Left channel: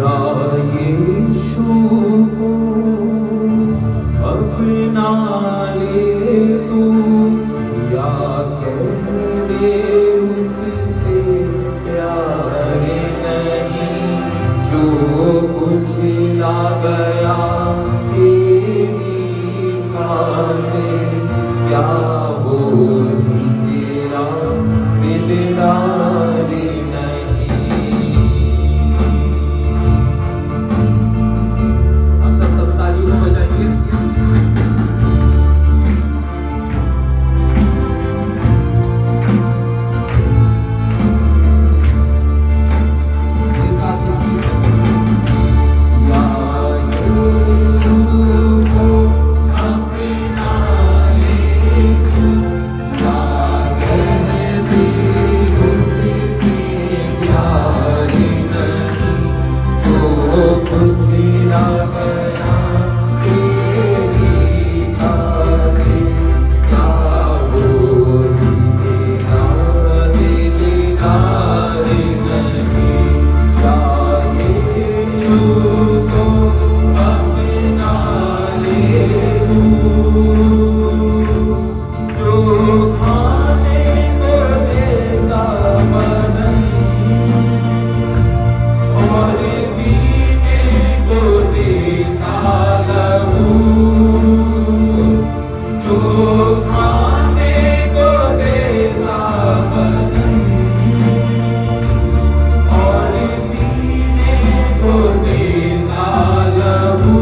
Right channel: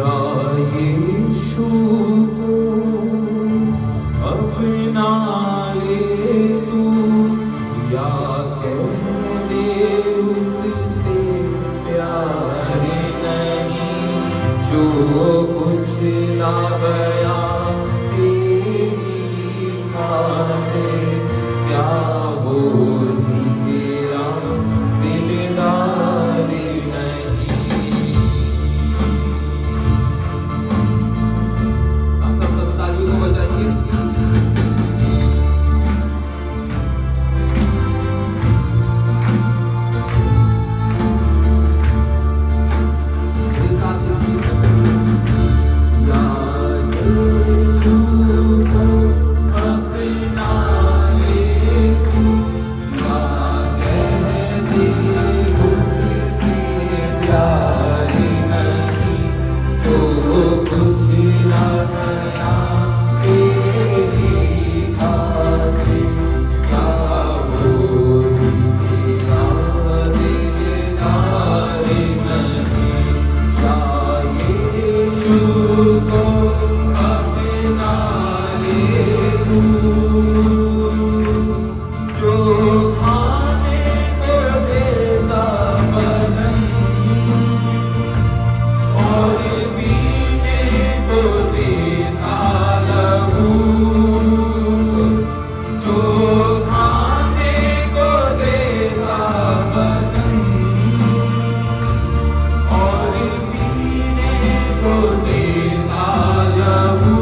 या यीशु को अपना ले तू, या कह दे उससे प्यार नहीं, जो कुछ ला गया तेरी खातिर, क्या वो ही तेरा दिलदार नहीं। हम सब तालियां बजाएंगे। मेरे साथ इस गीत को या यीशु को अपना ले तू, या कह दे उससे प्यार नहीं, जो कुछ ला गया तेरी खातिर, क्या वो ही तेरा दिलदार नहीं। या यीशु को अपना ले तू, जो खाने को देता बदन और पीने को देता लहू, जो खाने को देता बदन और पीने को देता लहू,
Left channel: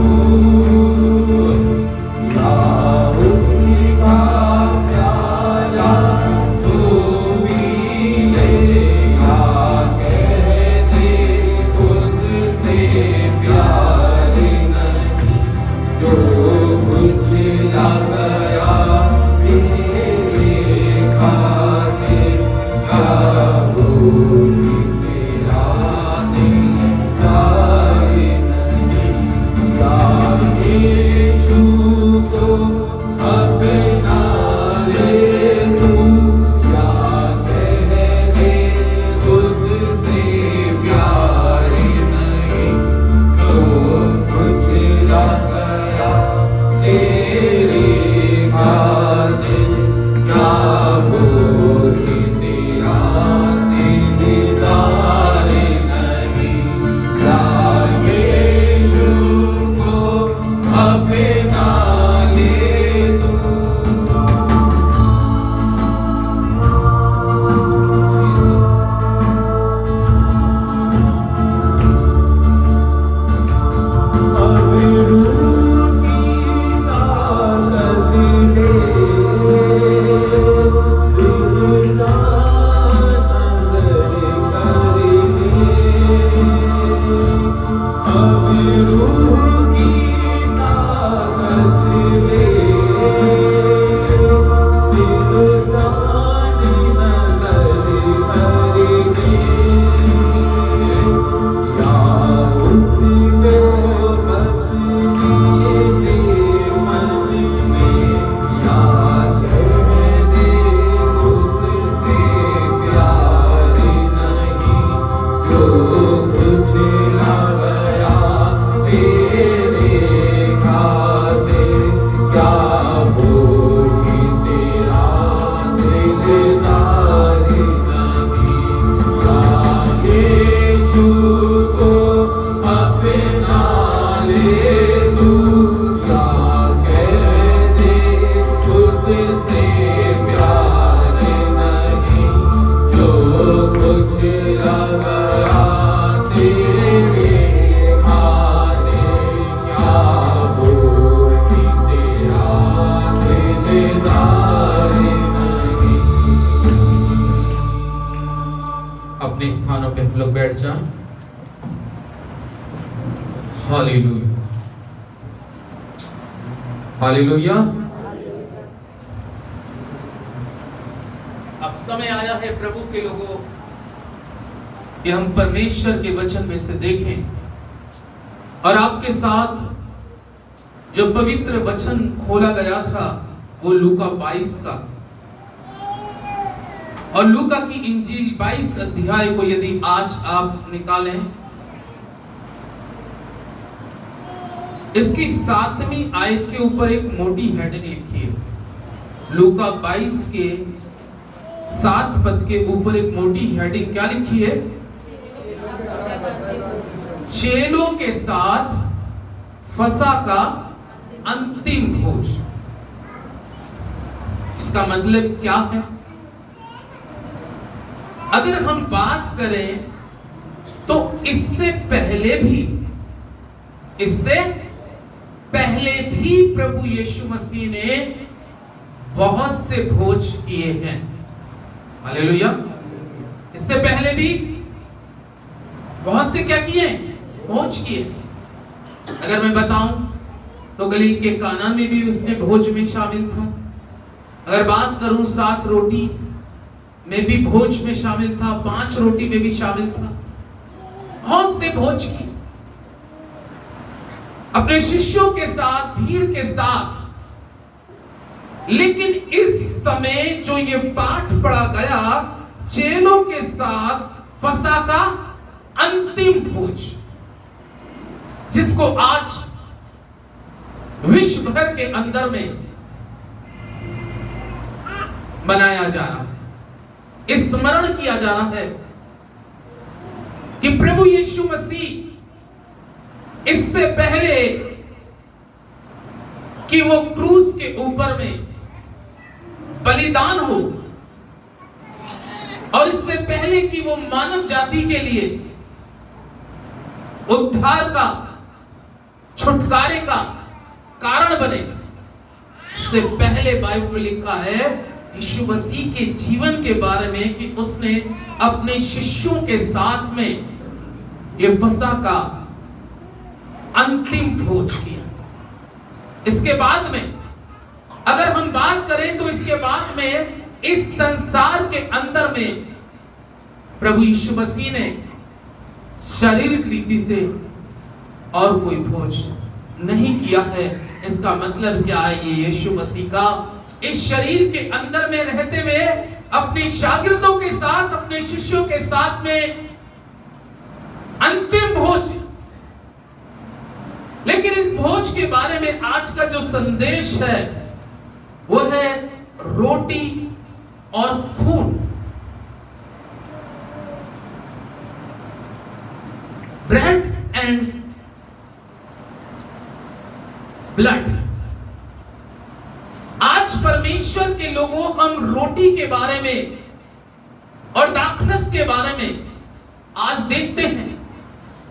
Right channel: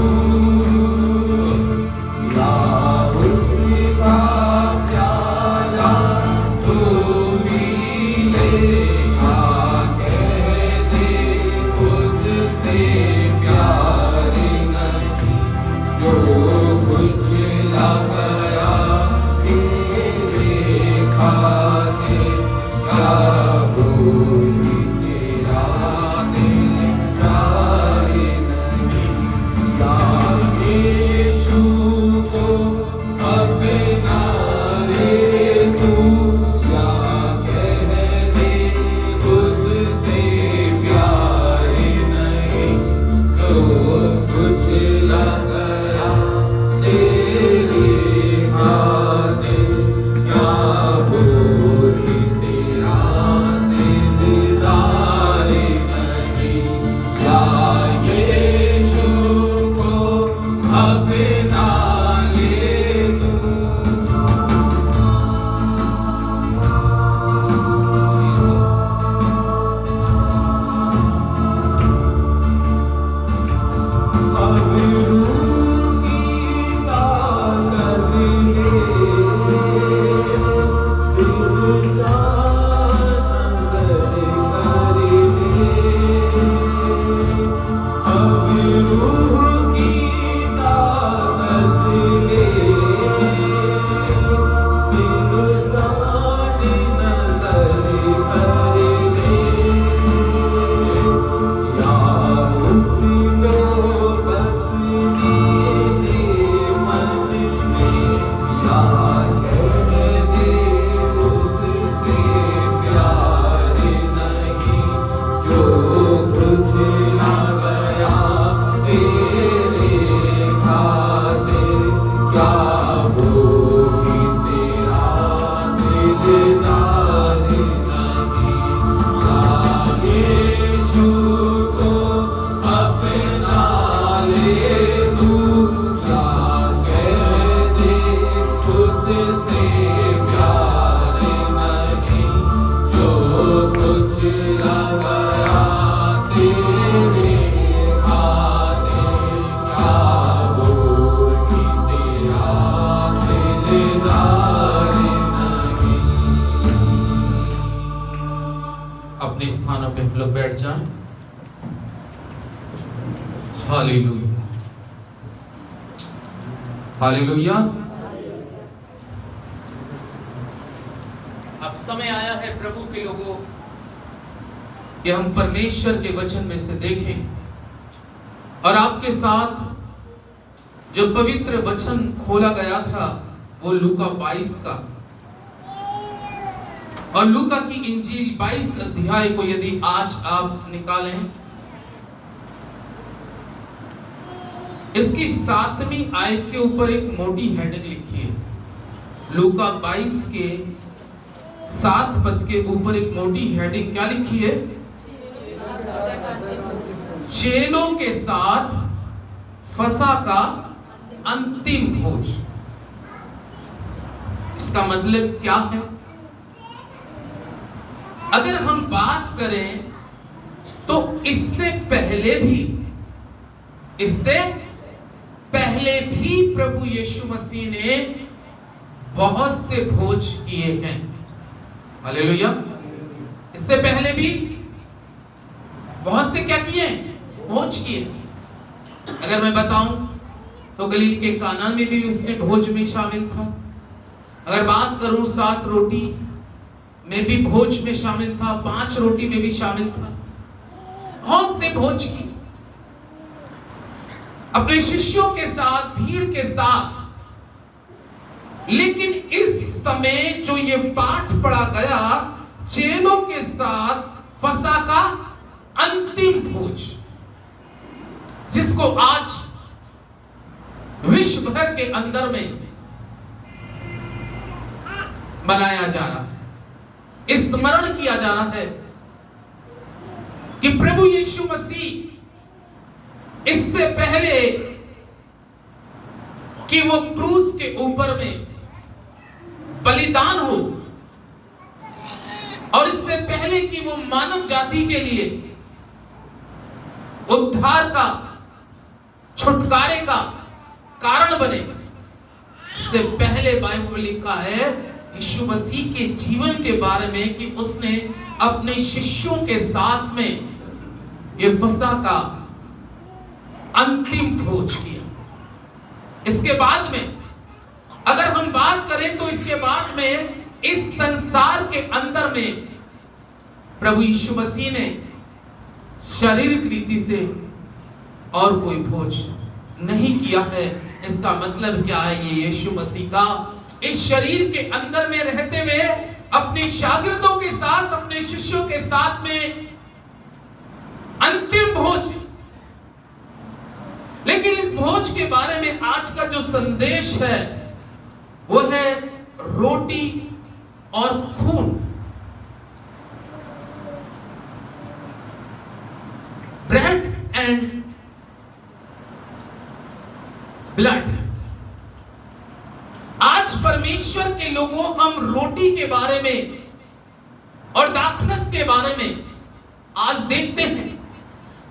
या उसका प्याला तू पी ले, या कह दे उससे प्यार नहीं, जो कुछ ला गया तेरे खातिर, क्या वो ही तेरा दिलदार नहीं। या यीशु को अपना ले तू, या कह दे उससे प्यार नहीं, जो कुछ ला गया तेरे खातिर, क्या वो ही तेरा दिलदार नहीं। या यीशु को अपना ले तू। अब रूह की ताकत ले, दिल जान नजर कर ले। अब रूह की ताकत ले, दिल जान नजर कर ले, या उसको बसने दे मन में, या कह दे उससे प्यार नहीं, जो कुछ ला गया तेरे खातिर, क्या वो ही तेरा दिलदार नहीं। या यीशु को अपना ले तू, या कह दे उससे प्यार नहीं, जो कुछ ला गया तेरे खातिर, क्या वो ही तेरा दिलदार नहीं। अपने स्थानों पे हम लोग बैठ जाएं। Hallelujah, hallelujah. अब समय आया है प्रभु के लोगों कि हम परमेश्वर के वचन में से देखें और आपके साथ जो पवित्र वचन खोला गया था वो लूका 22 का, और लूका की इंजील 22 अध्याय को यदि आज आप निकालें इसकी 7वीं आयत के ऊपर एक मोटी हेडिंग लिखी है। लूका 22 के 7 पद के ऊपर एक मोटी हेडिंग क्या लिखी है? चेलों के साथ फसह का अंतिम भोज। इसका मतलब क्या है? अगर हम बात करें तो इससे पहले भी प्रभु यीशु मसीह ने बहुत से भोज किए हैं। हालेलुया। इससे पहले भी बहुत से क्या किए? भोज किए। अगर मैं बताऊं तो गलील के काना में भी उसने भोज में शामिल था। अगर बात करूं 7 रोटी में भी भोज में शामिल था, 5 रोटी में भी शामिल था। बहुत से भोज किए अपने शिष्यों के साथ, भीड़ के साथ। लेकिन इस समय जो ये पाठ पढ़ा गया, चेलों के साथ फसह का अंतिम भोज, जिसको आज विश्व भर के अंदर में मनाया जा रहा है, स्मरण किया जा रहा है कि प्रभु यीशु मसीह इससे पहले कि वो क्रूस के ऊपर में बलिदान हो, और इससे पहले कि वो मानव जाति के लिए उद्धार का, छुटकारे का कारण बने, इससे पहले बाइबल में लिखा है यीशु मसीह के जीवन के बारे में कि उसने अपने शिष्यों के साथ में ये फसह का अंतिम भोज किया। इसके बाद में अगर हम बात करें तो इसके बाद में इस संसार के अंदर में प्रभु यीशु मसीह ने शारीरिक रीति से और कोई भोज नहीं किया है। इसका मतलब क्या है? ये यीशु मसीह का इस शरीर के अंदर में रहते हुए अपने शागिर्दों के साथ, अपने शिष्यों के साथ में अंतिम भोज। लेकिन इस भोज के बारे में आज का जो संदेश है वो है रोटी और खून। Bread and blood. आज परमेश्वर के लोगों, हम रोटी के बारे में और दाखलस के बारे में आज देखते हैं।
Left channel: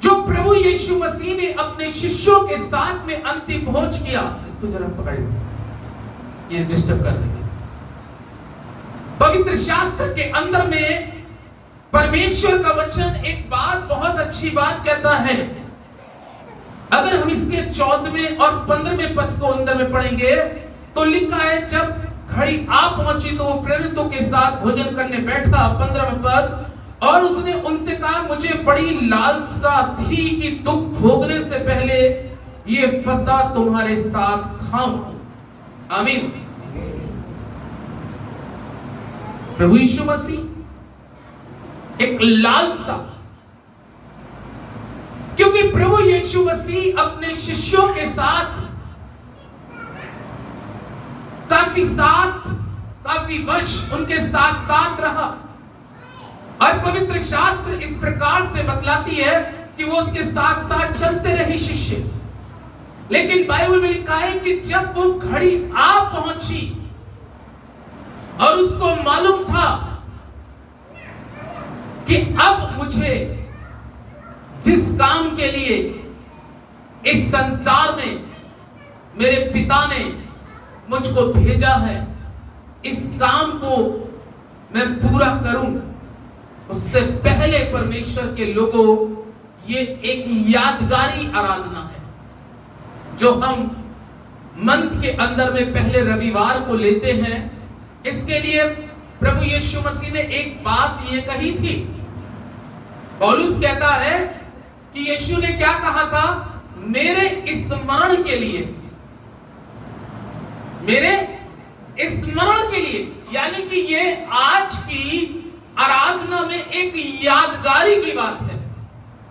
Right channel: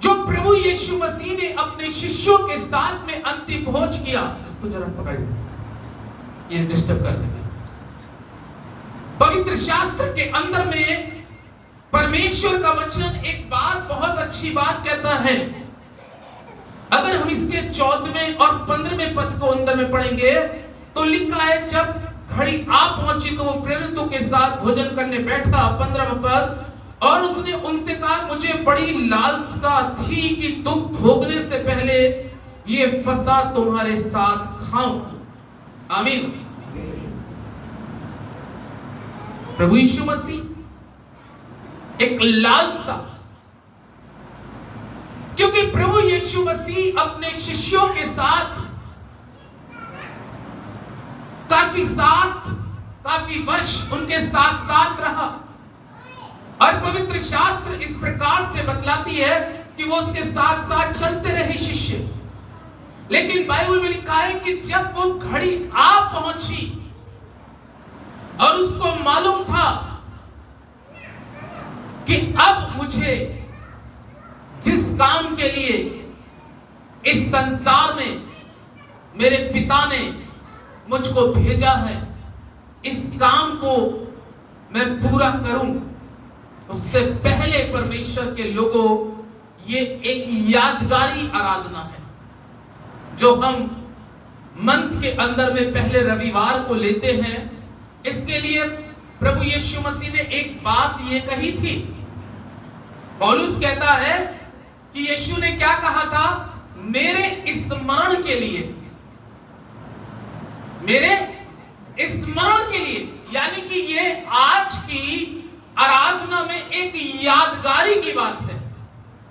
जो प्रभु यीशु मसीह ने अपने शिष्यों के साथ में अंतिम भोज किया। इसको जरा पकड़िए, ये डिस्टर्ब कर देंगे। पवित्र शास्त्र के अंदर में परमेश्वर का वचन एक बात, बहुत अच्छी बात कहता है। अगर हम इसके 14वें और 15वें पद को अंदर में पढ़ेंगे तो लिखा है, जब घड़ी आ पहुंची तो वो प्रेरितों के साथ भोजन करने बैठा। 15वां पद, और उसने उनसे कहा, मुझे बड़ी लालसा थी कि दुख भोगने से पहले ये फसह तुम्हारे साथ खाऊं। आमीन। प्रभु यीशु मसीह एक लालसा, क्योंकि प्रभु यीशु मसीह अपने शिष्यों के साथ काफी वर्ष उनके साथ साथ रहा। और पवित्र शास्त्र इस प्रकार से बतलाती है कि वो उसके साथ साथ चलते रहे शिष्य। लेकिन बाइबल में लिखा है कि जब वो घड़ी आ पहुंची और उसको मालूम था कि अब मुझे जिस काम के लिए इस संसार में मेरे पिता ने मुझको भेजा है, इस काम को मैं पूरा करूं, उससे पहले परमेश्वर के लोगों, ये एक यादगारी आराधना है जो हम मंथ के अंदर में पहले रविवार को लेते हैं। इसके लिए प्रभु यीशु मसीह ने एक बात ये कही थी। पौलुस कहता है कि यीशु ने क्या कहा था? मेरे स्मरण के लिए, मेरे स्मरण के लिए, यानी कि ये आज की आराधना में एक यादगारी की बात है,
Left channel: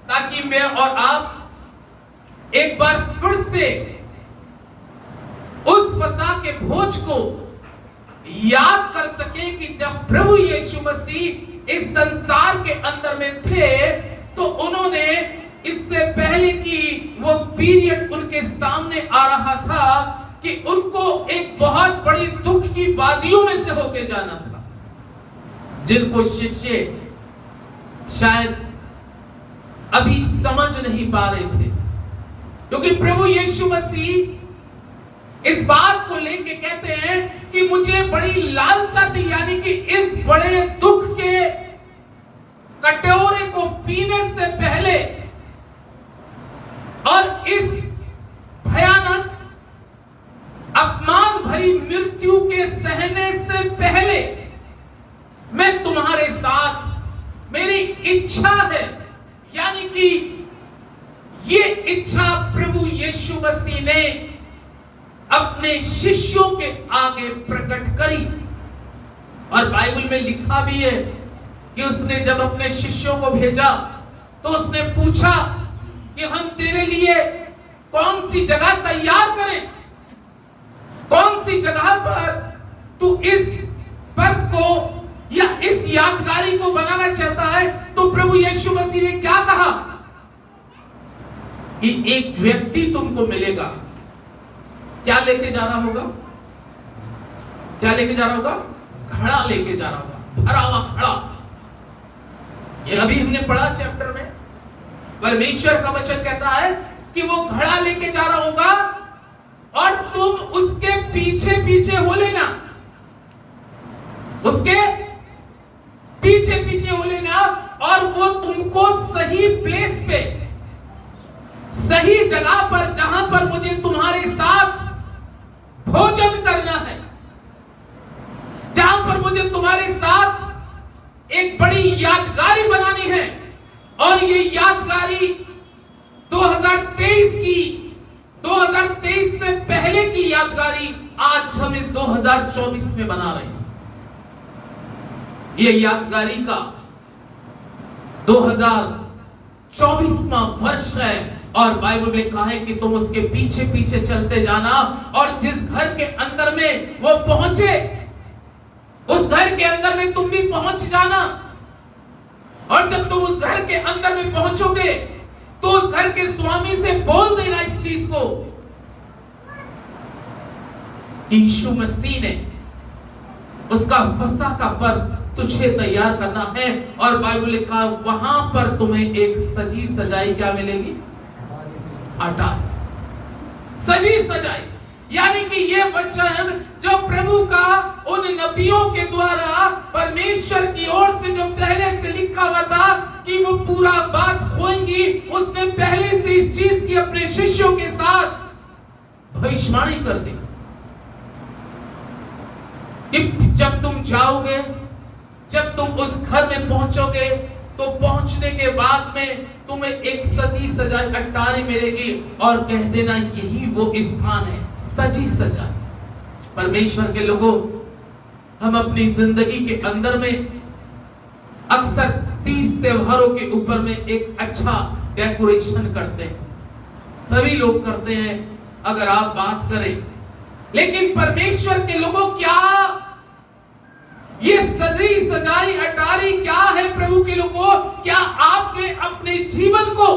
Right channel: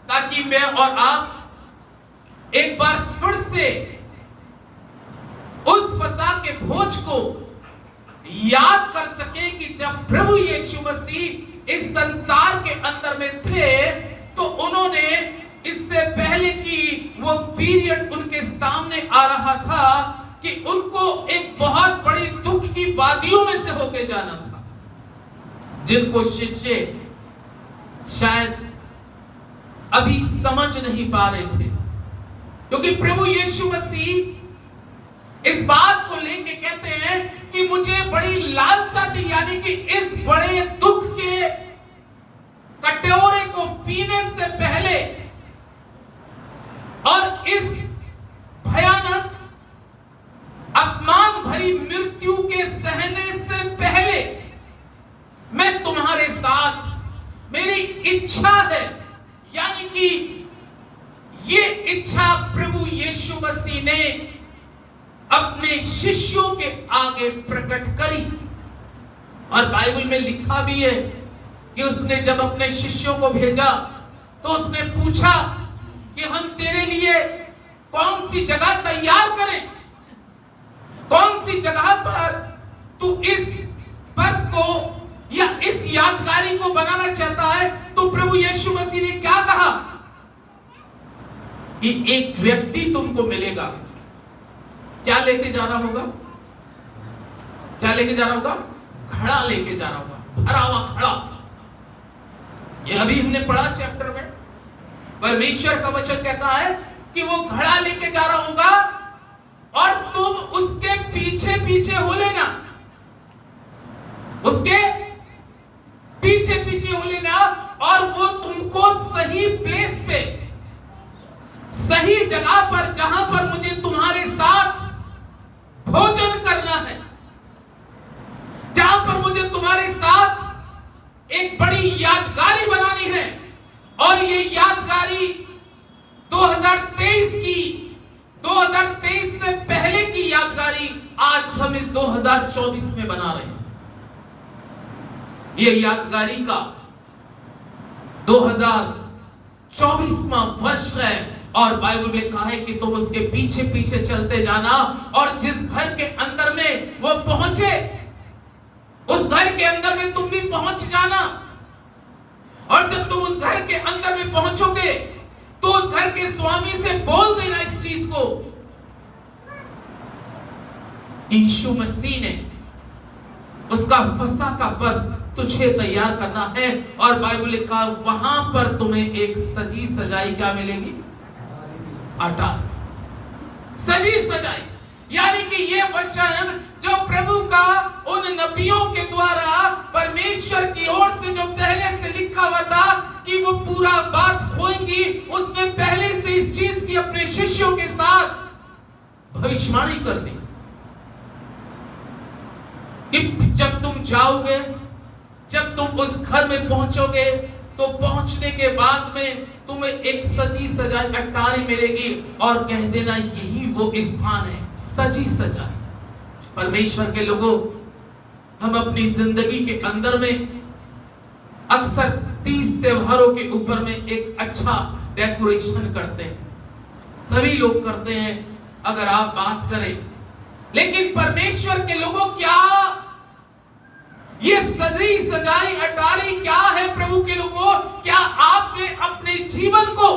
ताकि मैं और आप एक बार फिर से उस फसह के भोज को याद कर सके कि जब प्रभु यीशु मसीह इस संसार के अंदर में थे तो उन्होंने इससे पहले की वो पीरियड उनके सामने आ रहा था कि उनको एक बहुत बड़ी दुख की वादियों में से होके जाना था, जिनको शिष्य शायद अभी समझ नहीं पा रहे थे, क्योंकि प्रभु यीशु मसीह इस बात को लेके कहते हैं कि मुझे बड़ी लालसा थी, यानी कि इस बड़े दुख के कटोरे को पीने से पहले और इस भयानक अपमान भरी मृत्यु के सहने से पहले मैं तुम्हारे साथ, मेरी इच्छा है, यानी कि ये इच्छा प्रभु यीशु मसीह ने अपने शिष्यों के आगे प्रकट करी। और बाइबल में लिखा भी है कि उसने जब अपने शिष्यों को भेजा तो उसने पूछा कि हम तेरे लिए कौन सी जगह तैयार करें, कौन सी जगह पर तू इस पर्व को या इस यादगारी को बनाना चाहता है। तो प्रभु यीशु मसीह ने क्या कहा कि एक व्यक्ति तुमको मिलेगा। क्या लेके जाना होगा? क्या लेके जाना होगा? घड़ा लेके जाना होगा, भरा हुआ घड़ा। ये अभी हमने पढ़ा चैप्टर में, परमेश्वर का वचन कहता है कि वो घड़ा लेके जा रहा होगा और तुम उसके पीछे पीछे हो लेना, उसके पीछे पीछे हो लेना, और वो तुमको सही प्लेस पे, सही जगह पर, जहां पर मुझे तुम्हारे साथ भोजन करना है, जहां पर मुझे तुम्हारे साथ एक बड़ी यादगारी बनानी है। और ये यादगारी 2023 से पहले की यादगारी आज हम इस 2024 में बना रहे हैं। ये यादगारी का 2024वां वर्ष है और बाइबल में कहा है कि तुम उसके पीछे पीछे चलते जाना, और जिस घर के अंदर में वो पहुंचे उस घर के अंदर में तुम भी पहुंच जाना। और जब तुम उस घर के अंदर में पहुंचोगे तो उस घर के स्वामी से बोल देना इस चीज को, यीशु मसीह ने उसका फसह का पर्व तुझे तैयार करना है। और बाइबल लिखा वहां पर तुम्हें एक सजी सजाई क्या मिलेगी? अटारी, सजी सजाई, यानी कि ये वचन जो प्रभु का उन नबियों के द्वारा परमेश्वर की ओर से जो पहले से लिखा हुआ था कि वो पूरा बात खोएंगी, उसने पहले से इस चीज की अपने शिष्यों के साथ भविष्यवाणी कर दी कि जब तुम जाओगे, जब तुम उस घर में पहुंचोगे तो पहुंचने के बाद में तुम्हें एक सजी सजाई अटारी मिलेगी, और कह देना यही वो स्थान है, सजी सजाई। परमेश्वर के लोगों, हम अपनी जिंदगी के अंदर में अक्सर 30 त्योहारों के ऊपर में एक अच्छा डेकोरेशन करते हैं, सभी लोग करते हैं अगर आप बात करें, लेकिन परमेश्वर के लोगों क्या ये सजी सजाई अटारी क्या है? प्रभु के लोगों, क्या आपने अपने जीवन को,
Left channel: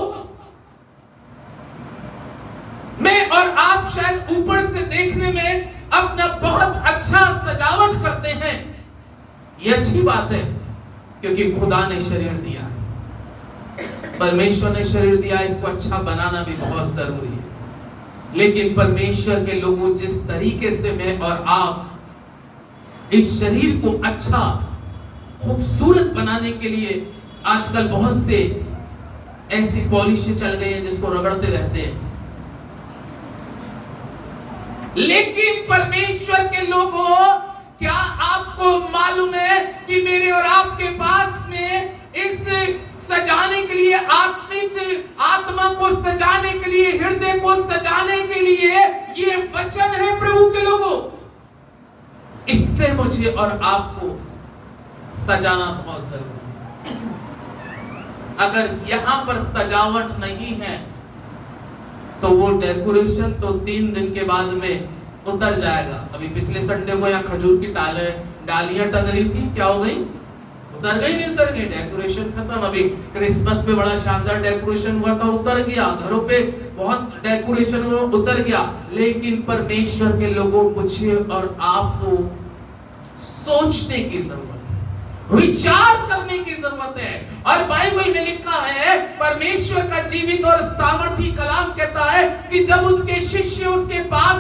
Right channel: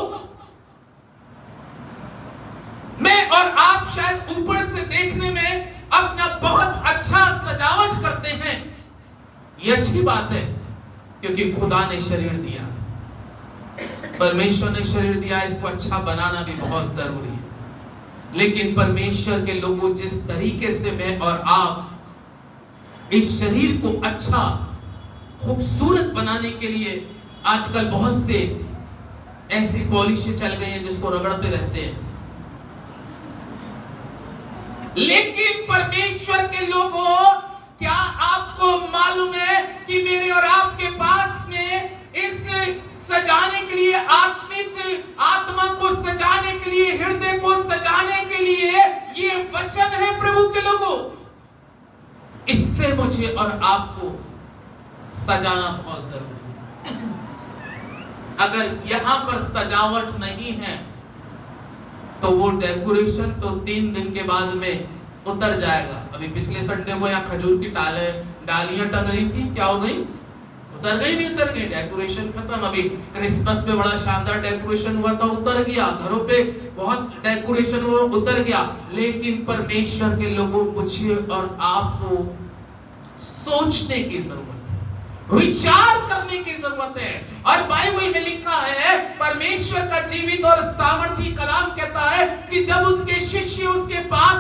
मैं और आप शायद ऊपर से देखने में अपना बहुत अच्छा सजावट करते हैं, ये अच्छी बात है क्योंकि खुदा ने शरीर दिया, परमेश्वर ने शरीर दिया, इसको अच्छा बनाना भी बहुत जरूरी है। लेकिन परमेश्वर के लोगों, जिस तरीके से मैं और आप इस शरीर को अच्छा खूबसूरत बनाने के लिए आजकल बहुत से ऐसी पॉलिशें चल गई हैं जिसको रगड़ते रहते हैं, लेकिन परमेश्वर के लोगों, क्या आपको मालूम है कि मेरे और आपके पास में इस सजाने के लिए, आत्मा को सजाने के लिए, हृदय को सजाने के लिए ये वचन है प्रभु के लोगों। इससे मुझे और आपको सजाना बहुत जरूरी है। अगर यहां पर सजावट नहीं है तो वो डेकोरेशन तो 3 दिन के बाद में उतर जाएगा। अभी पिछले संडे को यहाँ खजूर की डालियां टंग रही थी, क्या हो गई? उतर गई, नहीं उतर गई? डेकोरेशन खत्म। अभी क्रिसमस पे बड़ा शानदार डेकोरेशन हुआ था, उतर गया। घरों पे बहुत डेकोरेशन हुआ, उतर गया। लेकिन परमेश्वर के लोगों, मुझे और आपको सोचने की जरूरत है, विचार करने की जरूरत है। और बाइबल में लिखा है, परमेश्वर का जीवित और सामर्थी कलाम कहता है कि जब उसके शिष्य उसके पास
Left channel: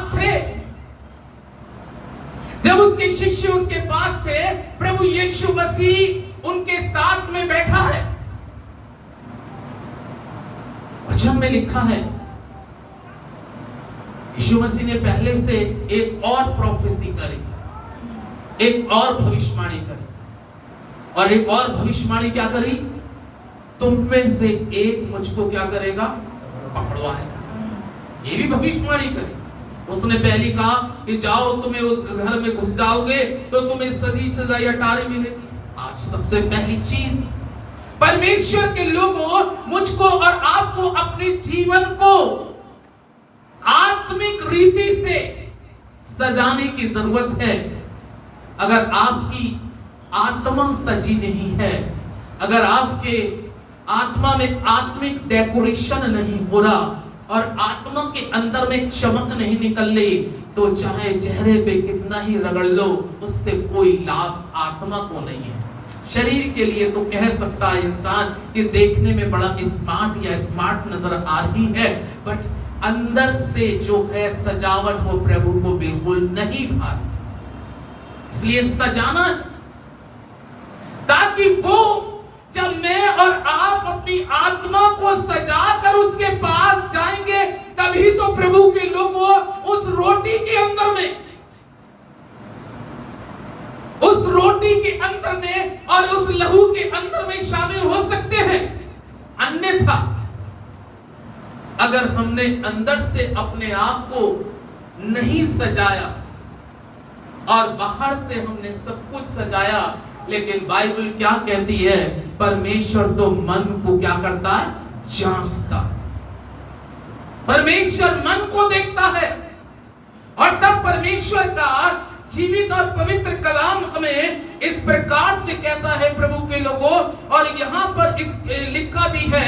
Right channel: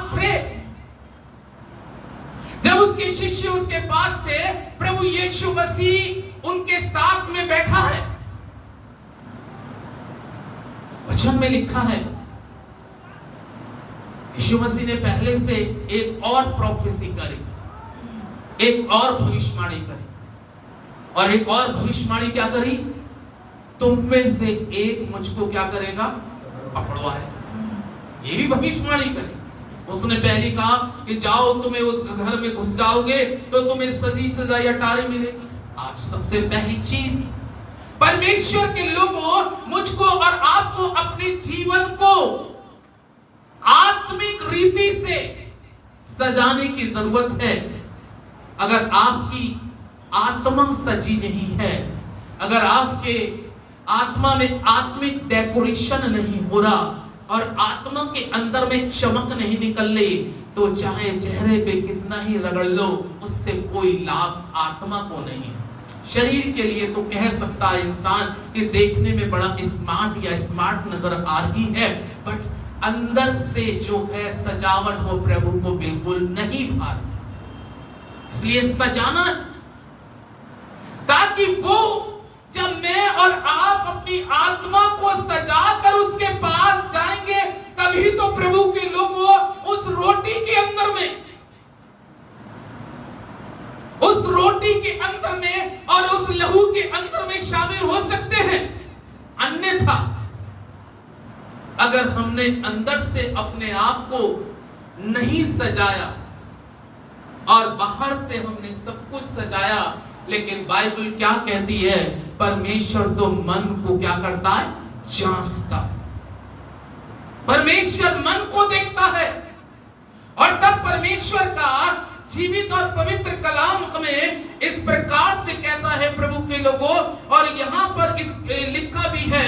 थे, प्रभु यीशु मसीह उनके साथ में बैठा है। वचन में लिखा है, यीशु मसीह ने पहले से एक और प्रोफेसी करी, एक और भविष्यवाणी करी, और एक और भविष्यवाणी क्या करी? तुम में से एक मुझको क्या करेगा? पकड़वाएगा। ये भी भविष्यवाणी करी। उसने पहले कहा कि जाओ, तुम्हें उस घर में घुस जाओगे तो तुम्हें सजी सजाई अटारी मिलेगी। आज सबसे पहली चीज, परमेश्वर के लोगों, मुझको और आपको अपने जीवन को आत्मिक रीति से सजाने की जरूरत है। अगर आपकी आत्मा सजी नहीं है, अगर आपके आत्मा में आत्मिक डेकोरेशन नहीं हो रहा और आत्मा के अंदर में चमक नहीं निकल रही, तो चाहे चेहरे पे कितना ही रगड़ लो, उससे कोई लाभ आत्मा को नहीं है। शरीर के लिए तो कह सकता है इंसान कि देखने में बड़ा स्मार्ट या स्मार्ट नजर आ रही है, बट अंदर से जो है सजावट वो प्रभु को बिल्कुल नहीं भाती। इसलिए सजाना, ताकि वो जब मैं और आप अपनी आत्मा को सजाकर उसके पास जाएंगे, तभी तो प्रभु के लोगों उस रोटी के अंदर में और उस लहू के अंदर में शामिल हो सकते हैं। अन्यथा अगर हमने अंदर से अपने आप को नहीं सजाया और बाहर से हमने सब कुछ सजाया, लेकिन बाइबल क्या कहती है? परमेश्वर तो मन को क्या करता है? जांचता। परमेश्वर मन को देखता है, और तब परमेश्वर का जीवित और पवित्र कलाम हमें इस प्रकार से कहता है प्रभु के लोगों। और यहाँ पर इस लिखा भी है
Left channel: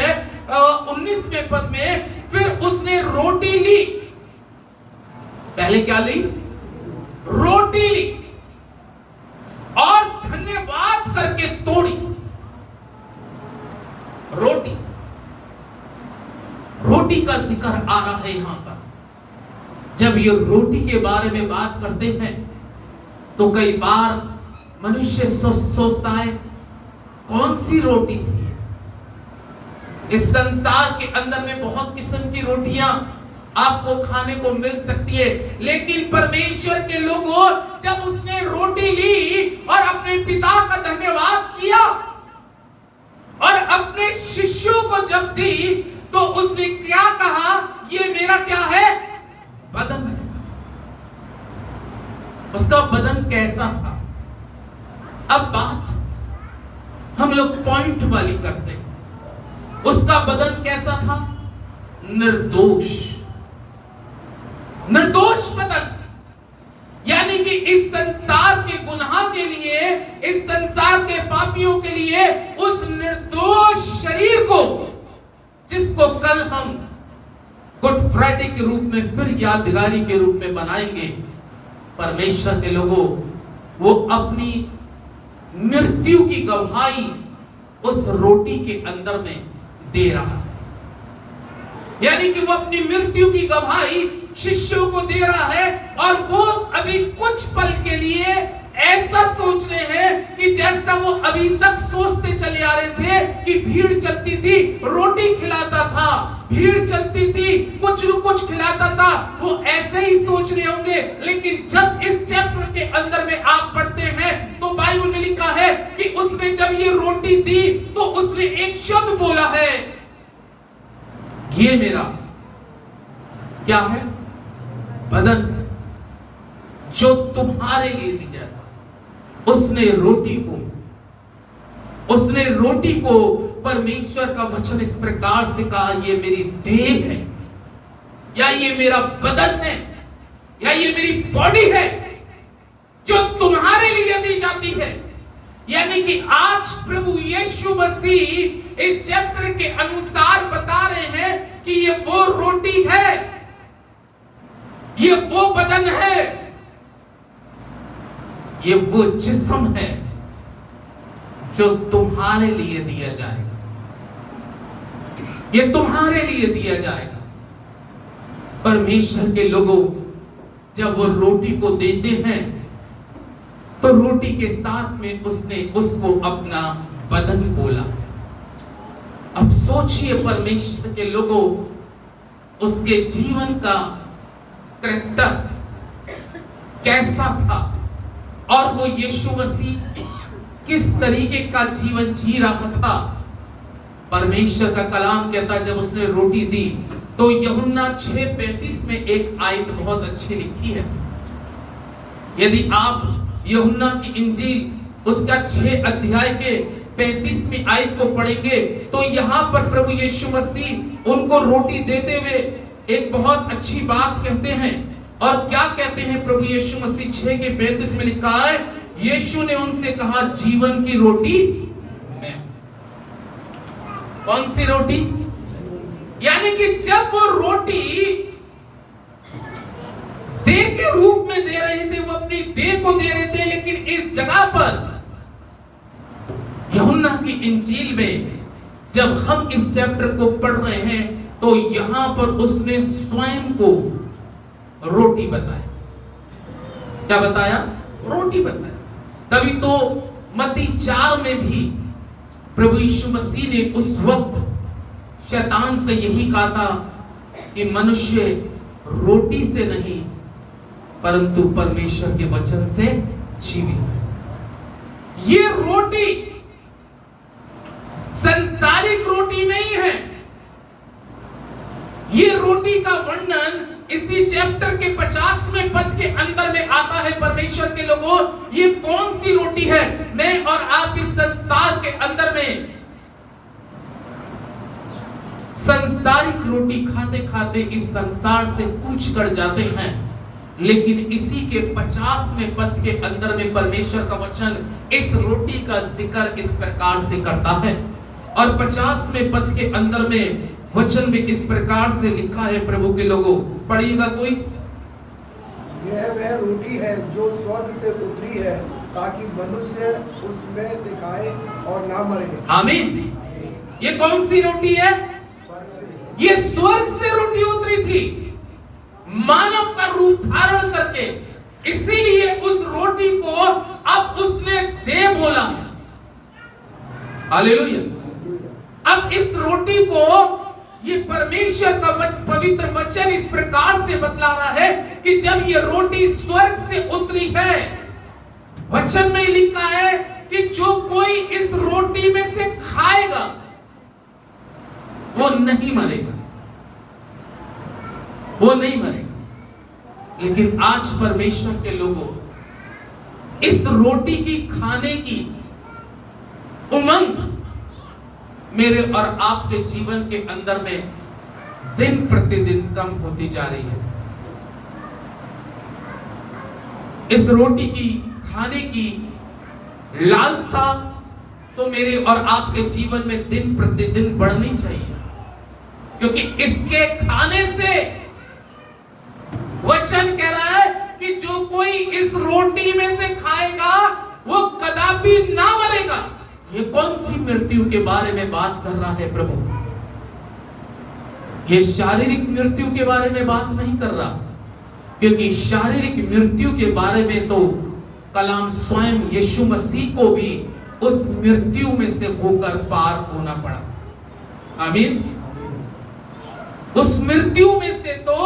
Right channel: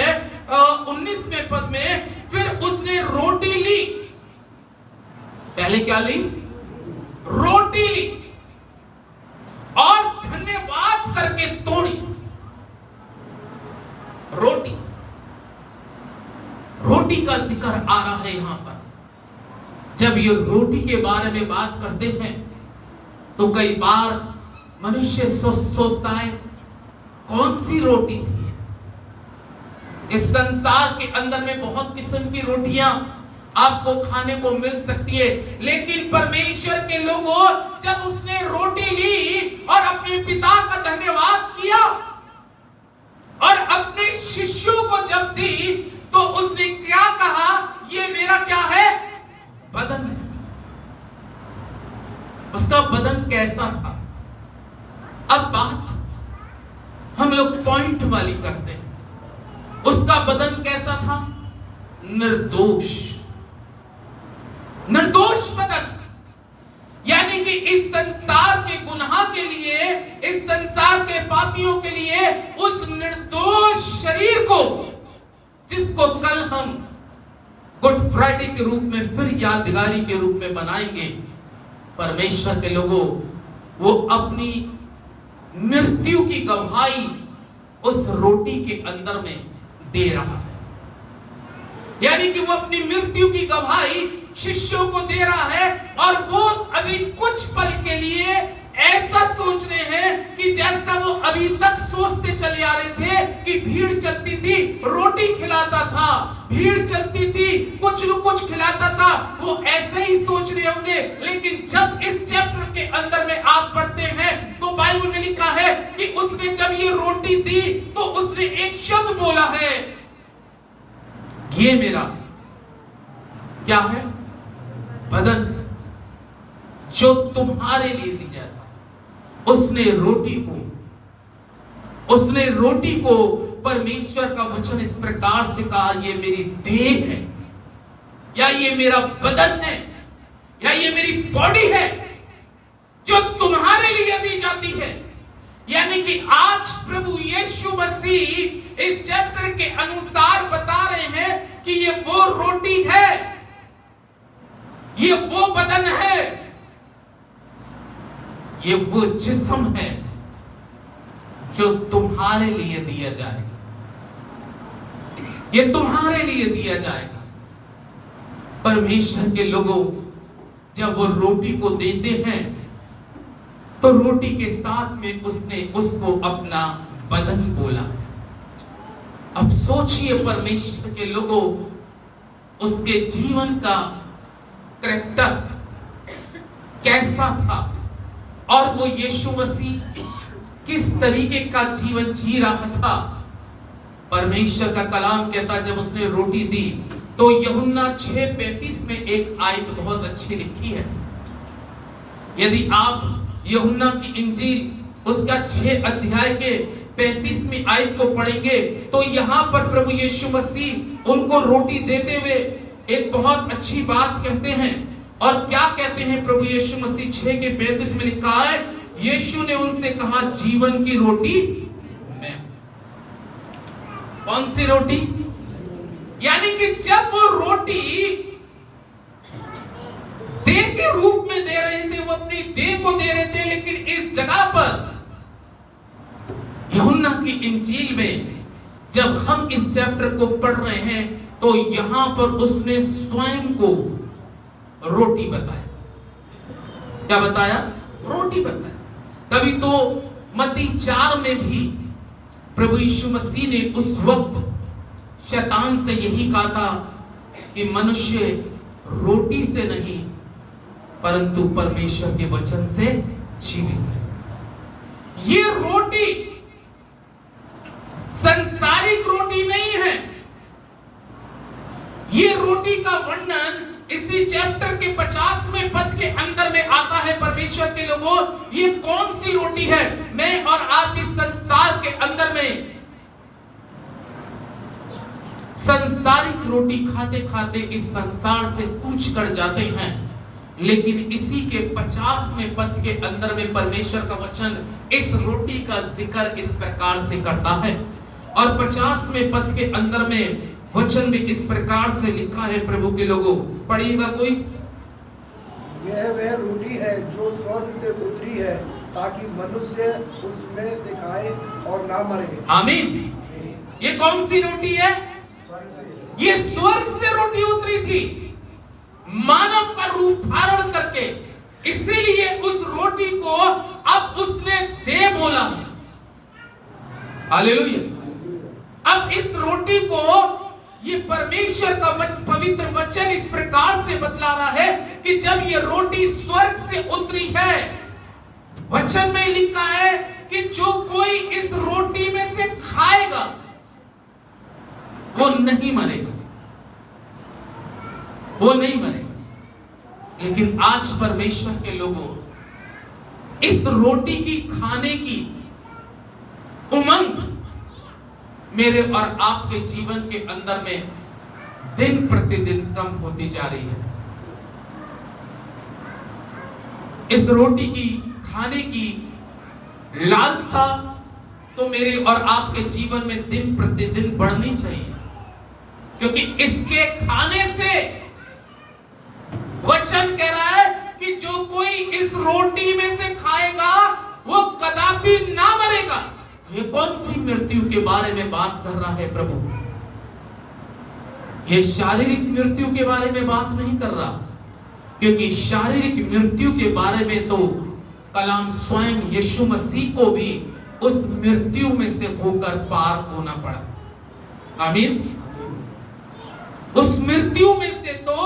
19वें पद में, फिर उसने रोटी ली। पहले क्या ली? रोटी ली और धन्यवाद करके तोड़ी। रोटी का जिक्र आ रहा है यहां पर। जब ये रोटी के बारे में बात करते हैं तो कई बार मनुष्य सोचता है कौन सी रोटी थी। इस संसार के अंदर में बहुत किस्म की रोटियां आपको खाने को मिल सकती है, लेकिन परमेश्वर के लोगों, जब उसने रोटी ली और अपने पिता का धन्यवाद किया और अपने शिष्यों को जब दी, तो उसने क्या कहा? ये मेरा क्या है? बदन है। उसका बदन कैसा था? अब बात हम लोग पॉइंट वाली करते हैं। उसका बदन कैसा था? निर्दोष बदन। यानी कि इस संसार के गुनाह के लिए, इस संसार के पापियों के लिए, उस निर्दोष शरीर को, जिसको कल हम गुड फ्राइडे के रूप में फिर यादगारी के रूप में बनाएंगे, परमेश्वर के लोगों, वो अपनी मृत्यु की गवाही उस रोटी के अंदर में दे रहा है। यानी कि वो अपनी मृत्यु की गवाही शिष्यों को दे रहा है, और वो अभी कुछ पल के लिए ऐसा सोच रहे हैं कि जैसा वो अभी तक सोचते चले आ रहे थे कि भीड़ चलती थी, रोटी खिलाता था, भीड़ चलती थी, कुछ न कुछ खिलाता था, वो ऐसे ही सोच रहे होंगे। लेकिन जब इस चैप्टर के अंदर में आप पढ़ते हैं तो बाइबल में लिखा है कि उसने जब ये रोटी दी तो उसने एक शब्द बोला है, ये मेरा क्या है? बदन, जो तुम्हारे लिए दी जाता। उसने रोटी को परमेश्वर का वचन इस प्रकार से कहा, ये मेरी देह है, या ये मेरा बदन है, या ये मेरी बॉडी है जो तुम्हारे लिए दी जाती है। यानी कि आज प्रभु यीशु मसीह इस चैप्टर के अनुसार बता रहे हैं कि ये वो रोटी है, ये वो बदन है, ये वो जिस्म है जो तुम्हारे लिए दिया जाएगा, ये तुम्हारे लिए दिया जाएगा। परमेश्वर के लोगों जब वो रोटी को देते हैं तो रोटी के साथ में उसने उसको अपना बदन बोला। अब सोचिए परमेश्वर के लोगों, उसके जीवन का कैरेक्टर कैसा था और वो यीशु मसीह किस तरीके का जीवन जी रहा था। परमेश्वर का कलाम कहता जब उसने रोटी दी तो यूहन्ना 6:35 में एक आयत बहुत अच्छी लिखी है। यदि आप यूहन्ना की इंजील उसका 6 अध्याय के 35वीं आयत को पढ़ेंगे तो यहाँ पर प्रभु यीशु मसीह उनको रोटी देते हुए एक बहुत अच्छी बात कहते हैं। और क्या कहते हैं प्रभु यीशु मसीह? 6 के 35 में लिखा है, यीशु ने उनसे कहा, जीवन की रोटी मैं। कौन सी रोटी? यानी कि जब वो रोटी देह के रूप में दे रहे थे, वो अपनी देह को दे रहे थे, लेकिन इस जगह पर यूहन्ना की इंजील में जब हम इस चैप्टर को पढ़ रहे हैं तो यहां पर उसने स्वयं को रोटी बताया। क्या बताया? रोटी बताया। तभी तो मत्ती 4 में भी प्रभु यीशु मसीह ने उस वक्त शैतान से यही कहा था कि मनुष्य रोटी से नहीं परंतु परमेश्वर के वचन से जीवित है। ये रोटी संसारिक रोटी नहीं है। ये रोटी का वर्णन इसी चैप्टर के 50वें पद के अंदर में आता है। परमेश्वर के लोगों, ये कौन सी रोटी है? मैं और आप इस संसार के अंदर में संसारिक रोटी खाते खाते इस संसार से कूच कर जाते हैं, लेकिन इसी के 50वें पद के अंदर में परमेश्वर का वचन इस रोटी का जिक्र इस प्रकार से करता है। और 50वें पद के अंदर में वचन में इस प्रकार से लिखा है। प्रभु के लोगों, पढ़िएगा कोई। यह वह रोटी है जो स्वर्ग से उतरी है ताकि मनुष्य उसमें से खाए और ना मरे। आमीन। ये कौन सी रोटी है? ये स्वर्ग से रोटी उतरी थी, मानव का रूप धारण करके। इसीलिए उस रोटी को अब उसने दे बोला है। हालेलुया। अब इस रोटी को ये परमेश्वर का पवित्र वचन इस प्रकार से बतला रहा है कि जब ये रोटी स्वर्ग से उतरी है, वचन में लिखा है कि जो कोई इस रोटी में से खाएगा वो नहीं मरेगा, वो नहीं मरेगा। लेकिन आज परमेश्वर के लोगों, इस रोटी की खाने की उमंग मेरे और आपके जीवन के अंदर में दिन प्रतिदिन कम होती जा रही है। इस रोटी की खाने की लालसा तो मेरे और आपके जीवन में दिन प्रतिदिन बढ़नी चाहिए, क्योंकि इसके खाने से वचन कह रहा है कि जो कोई इस रोटी में से खाएगा वो कदापि ना मरेगा। ये कौन सी मृत्यु के बारे में बात कर रहा है प्रभु? ये शारीरिक मृत्यु के बारे में बात नहीं कर रहा, क्योंकि शारीरिक मृत्यु के बारे में तो कलाम स्वयं यीशु मसीह को भी उस मृत्यु में से होकर पार होना पड़ा। आमीन। उस मृत्यु में से तो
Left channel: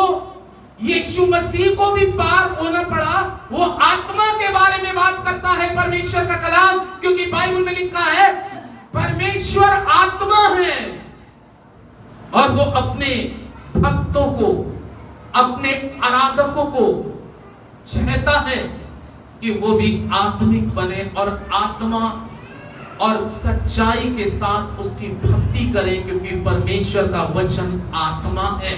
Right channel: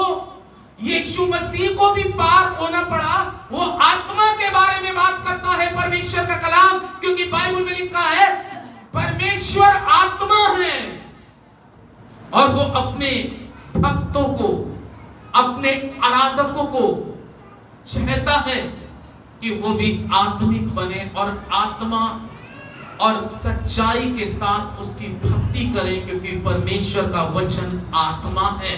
यीशु मसीह को भी पार होना पड़ा। वो आत्मा के बारे में बात करता है परमेश्वर का कलाम, क्योंकि बाइबल में लिखा है परमेश्वर आत्मा है और वो अपने भक्तों को, अपने आराधकों को चाहता है कि वो भी आत्मिक बने और आत्मा और सच्चाई के साथ उसकी भक्ति करें, क्योंकि परमेश्वर का वचन आत्मा है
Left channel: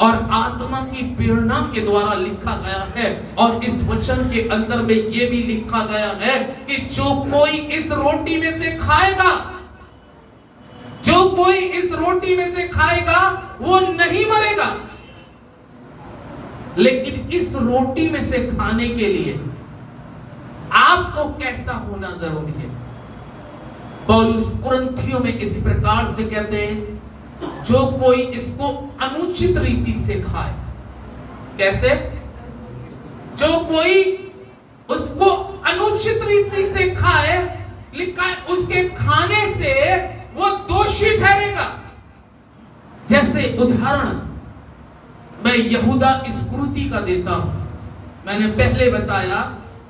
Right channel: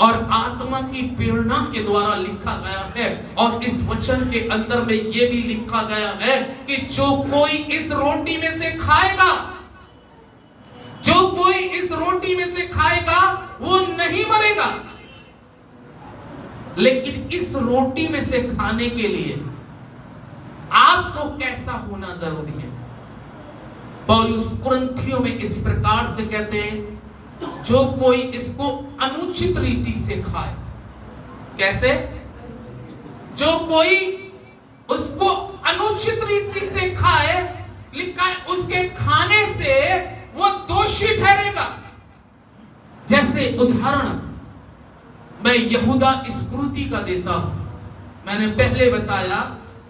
और आत्मा की प्रेरणा के द्वारा लिखा गया है। और इस वचन के अंदर में यह भी लिखा गया है कि जो कोई इस रोटी में से खाएगा, जो कोई इस रोटी में से खाएगा वो नहीं मरेगा। लेकिन इस रोटी में से खाने के लिए आपको कैसा होना जरूरी है? पौलुस कुरिन्थियों में इस प्रकार से कहते हैं, जो कोई इसको अनुचित रीति से खाए। कैसे? जो कोई उसको अनुचित रीति से खाए, लिखा है उसके खाने से वो दोषी ठहरेगा। जैसे उदाहरण मैं यहूदा इस्करियोती का देता हूं। मैंने पहले बताया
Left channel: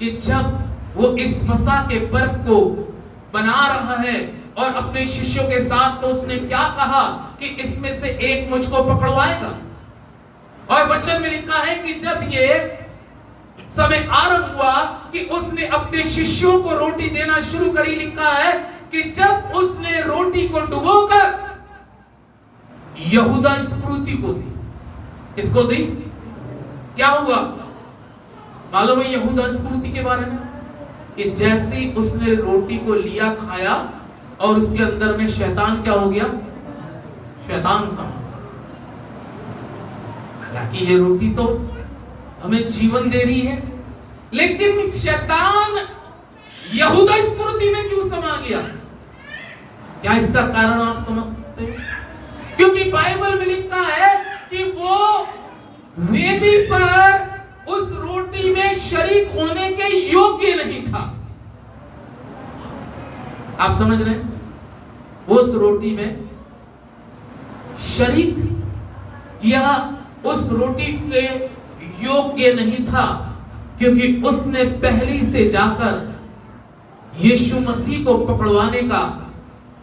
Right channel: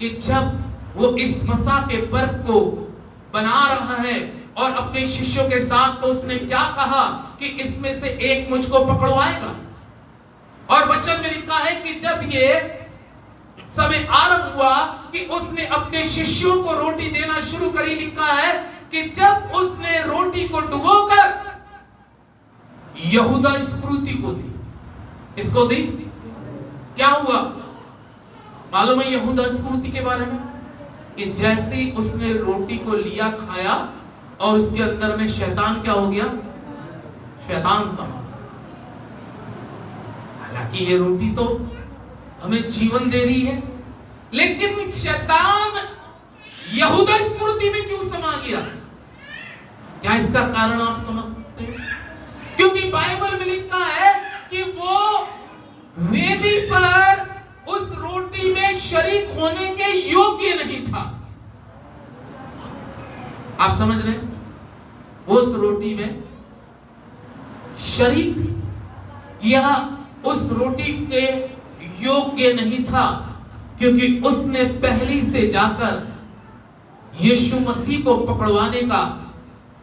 कि जब वो इस मसा के पर्व को बना रहा है और अपने शिष्यों के साथ, तो उसने क्या कहा कि इसमें से एक मुझको पकड़वाएगा। और वचन में लिखा है कि जब ये समय आरंभ हुआ कि उसने अपने शिष्यों को रोटी देना शुरू करी, लिखा है कि जब उसने रोटी को डुबोकर यहूदा इस्करियोती को दी, इसको दी, क्या हुआ मालूम है यहूदा इस्करियोती के बारे में? कि जैसे उसने रोटी को लिया, खाया, और उसके अंदर में शैतान क्या हो गया? शैतान समा। हालांकि ये रोटी तो हमें जीवन दे रही है, लेकिन शैतान यहूदा इस्करियोती में क्यों समा गया? क्या इसका कारण आप समझ सकते हैं? क्योंकि बाइबल में लिखा है कि वो वेदी पर उस रोटी में शरीक होने के योग्य नहीं था। आप समझ रहे हैं? उस रोटी में शरीक या उस रोटी के योग्य नहीं था, क्योंकि उसने पहले से जाकर यीशु मसीह को पकड़वाने का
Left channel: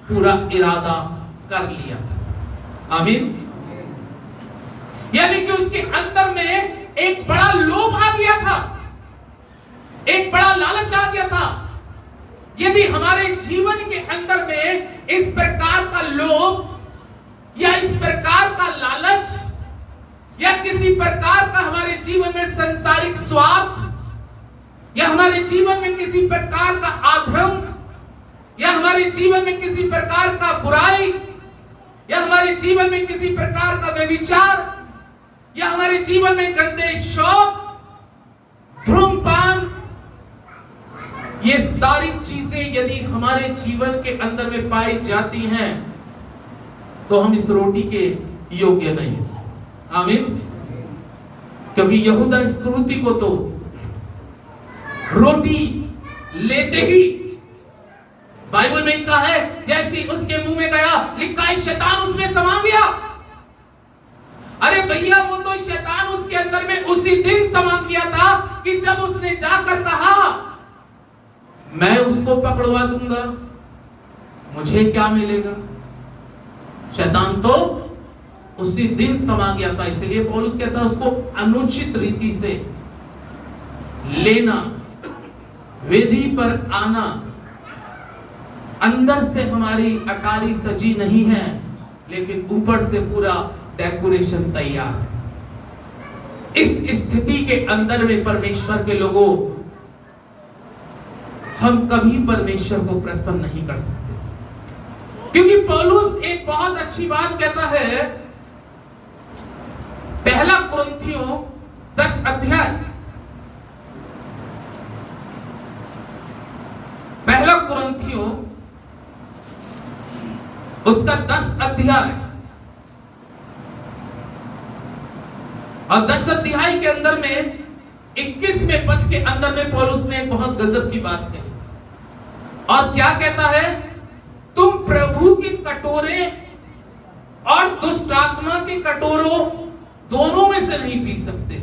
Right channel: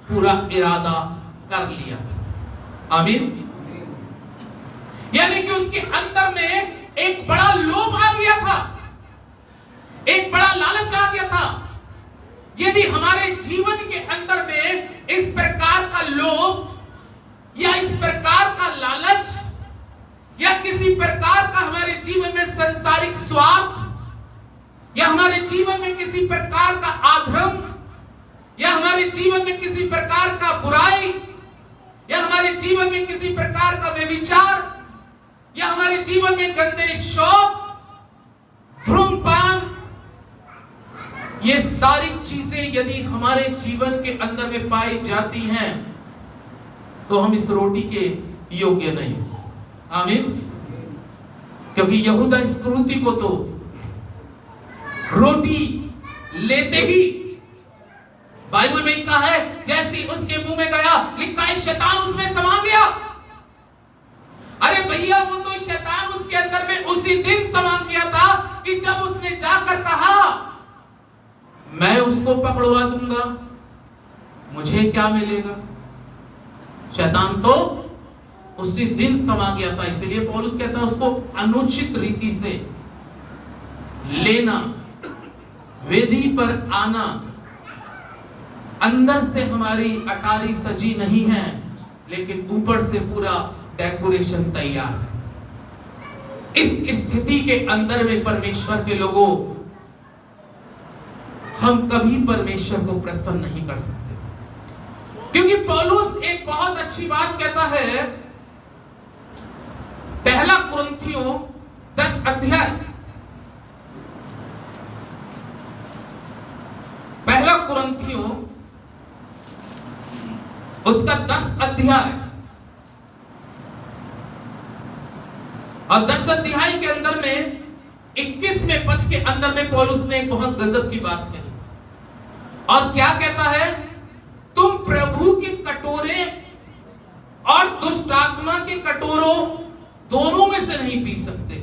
पूरा इरादा कर लिया था। आमीन। यानी कि उसके अंदर में एक बड़ा लोभ आ गया था, एक बड़ा लालच आ गया था। यदि हमारे जीवन के अंदर में इस प्रकार का लोभ या इस प्रकार का लालच या किसी प्रकार का हमारे जीवन में संसारिक स्वार्थ या हमारे जीवन में किसी प्रकार का आधर्म या हमारे जीवन में किसी प्रकार का बुराई या हमारे जीवन में किसी प्रकार का व्यभिचार या हमारे जीवन में गंदे शौक, धूम्रपान, ये सारी चीजें यदि हमारे जीवन के अंदर में पाई जाती हैं, तो हम इस रोटी के योग्य नहीं। आमीन। क्योंकि यहूदा इस्करियोती को तो रोटी लेते ही बाइबल में कहा है, जैसे उसके मुंह में गया, लिखा है शैतान उसमें समा गया। अरे भैया, वो तो शैतान उसके अंदर में उसी दिन समा गया था कि जब उसने जाकर कहा, मैं उसको पकड़वा दूंगा, मुझे क्या मिलेगा। शैतान तो उसी दिन समा गया था। इसलिए पौलुस कहता है उसको अनुचित रीति से लेना, वेदी पर आना। अंदर से हमारी अटारी सजी नहीं है, लेकिन ऊपर से पूरा डेकोरेशन तैयार है। इस स्थिति के अंदर में परमेश्वर के लोगों, हम कभी परमेश्वर को प्रसन्न नहीं कर सकते, क्योंकि पौलुस एक बहुत अच्छी बात कहता है। पहला कुरिन्थियों 10 अध्याय, पहला कुरिन्थियों उसका 10 अध्याय और 10 अध्याय के अंदर में 21वें पद के अंदर में पौलुस ने एक बहुत गजब की बात कही। और क्या कहता है? तुम प्रभु की कटोरे और दुष्ट आत्मा के कटोरों दोनों में से नहीं पी सकते।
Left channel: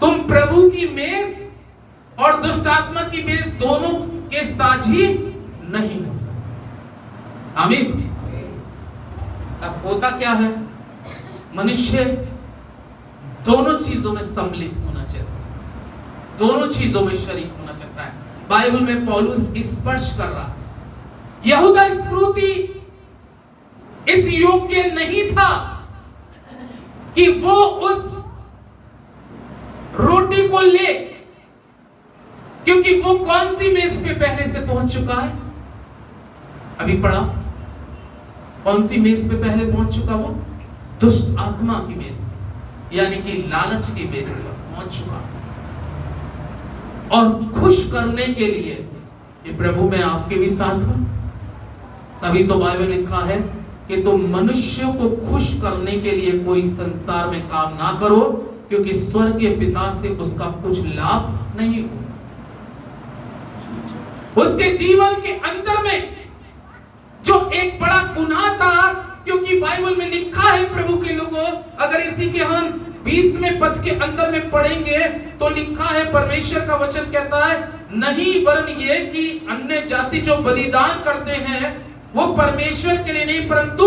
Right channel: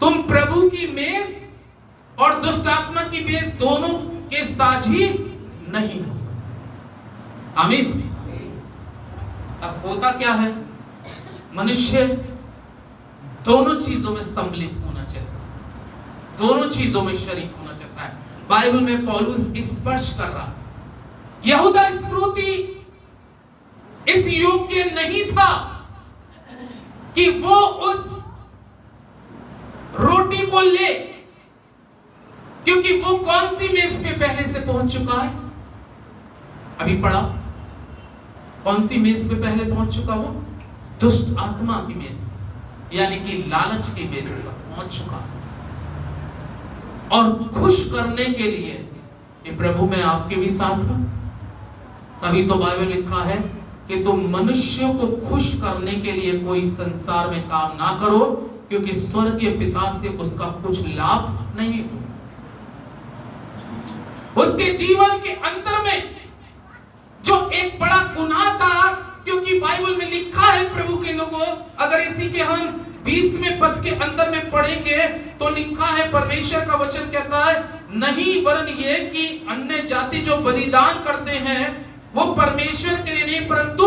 तुम प्रभु की मेज और दुष्ट आत्मा की मेज दोनों के साझी नहीं हो सकते। आमीन। अब होता क्या है? मनुष्य दोनों चीजों में सम्मिलित होना चाहता है, दोनों चीजों में शरीक होना चाहता है। बाइबल में पौलुस स्पर्श कर रहा है, यहूदा इस्करियोती इस योग्य नहीं था कि वो उस रोटी को ले, क्योंकि वो कौन सी मेज पे पहले से पहुंच चुका है? अभी पढ़ा, कौन सी मेज पे पहले पहुंच चुका? वो दुष्ट आत्मा की मेज पे, यानी कि लालच की मेज पर पहुंच चुका है। और खुश करने के लिए कि प्रभु मैं आपके भी साथ हूं। तभी तो बाइबल लिखा है कि तुम मनुष्यों को खुश करने के लिए कोई संसार में काम ना करो, क्योंकि स्वर्गीय पिता से उसका कुछ लाभ नहीं हो। उसके जीवन के अंदर में जो एक बड़ा गुनाह था, क्योंकि बाइबल में लिखा है प्रभु के लोगों, अगर इसी के हम 20वें पद के अंदर में पढ़ेंगे तो लिखा है, परमेश्वर का वचन कहता है, नहीं वरन ये कि अन्य जाति जो बलिदान करते हैं वो परमेश्वर के लिए नहीं परंतु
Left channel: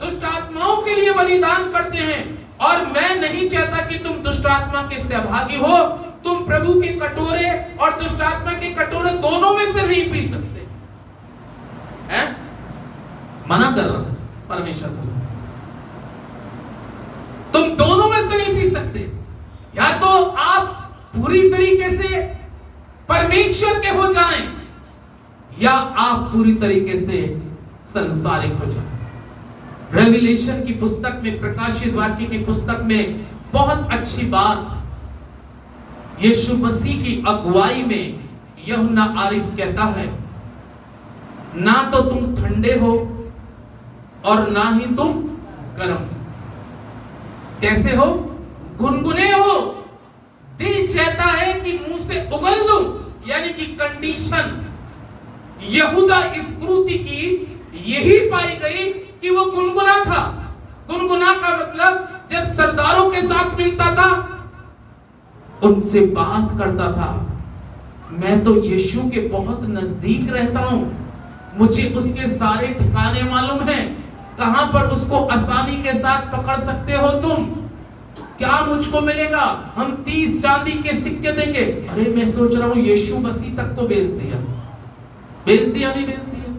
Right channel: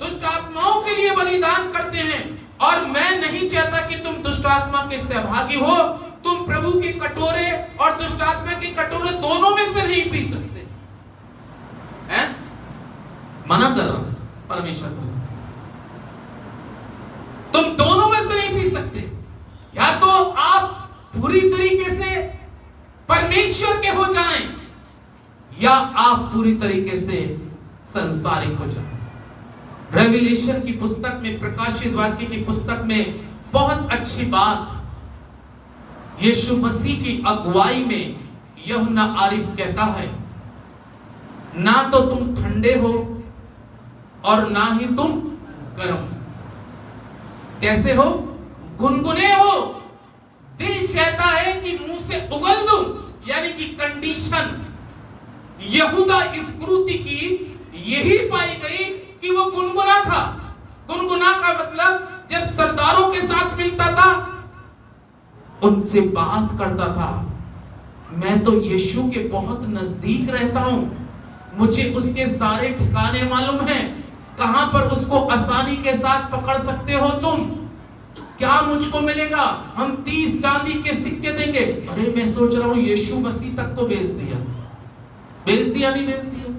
दुष्ट आत्माओं के लिए बलिदान करते हैं। और मैं नहीं चाहता कि तुम दुष्ट आत्मा के सहभागी हो। तुम प्रभु के कटोरे और दुष्ट आत्मा के कटोरे दोनों में से नहीं पी सकते हैं? मना कर रहा है परमेश्वर को, तुम दोनों में से नहीं पी सकते। या तो आप पूरी तरीके से परमेश्वर के हो जाएं, या आप पूरी तरीके से संसारिक हो जाएं। रेवलेशन की पुस्तक में, प्रकाशित वाक्य की पुस्तक में बहुत अच्छी बात यीशु मसीह की अगुवाई में यूहन्ना आरिफ कहता है, ना तो तुम ठंडे हो और ना ही तुम गर्म। कैसे हो? गुनगुने हो। दिल चाहता है कि मुंह से उगल दूं, यानी कि कंडीशन यहूदा इस्करियोती की यही पाई गई कि वो गुनगुना था। गुनगुना का मतलब जब सरदारों के साथ मिलता था, उनसे बात करता था, मैं तो यीशु के बहुत नजदीक रहता हूं, मुझे उसके सारे ठिकाने मालूम हैं, कहां पर उसको आसानी के साथ पकड़ सकते हो तुम, क्या मुझको मिलेगा, हम 30 चांदी के सिक्के देंगे। अरे मैं सोच रहा हूं यीशु मसीह तक को बेच दिया, बेच दिया नहीं बेच दिया?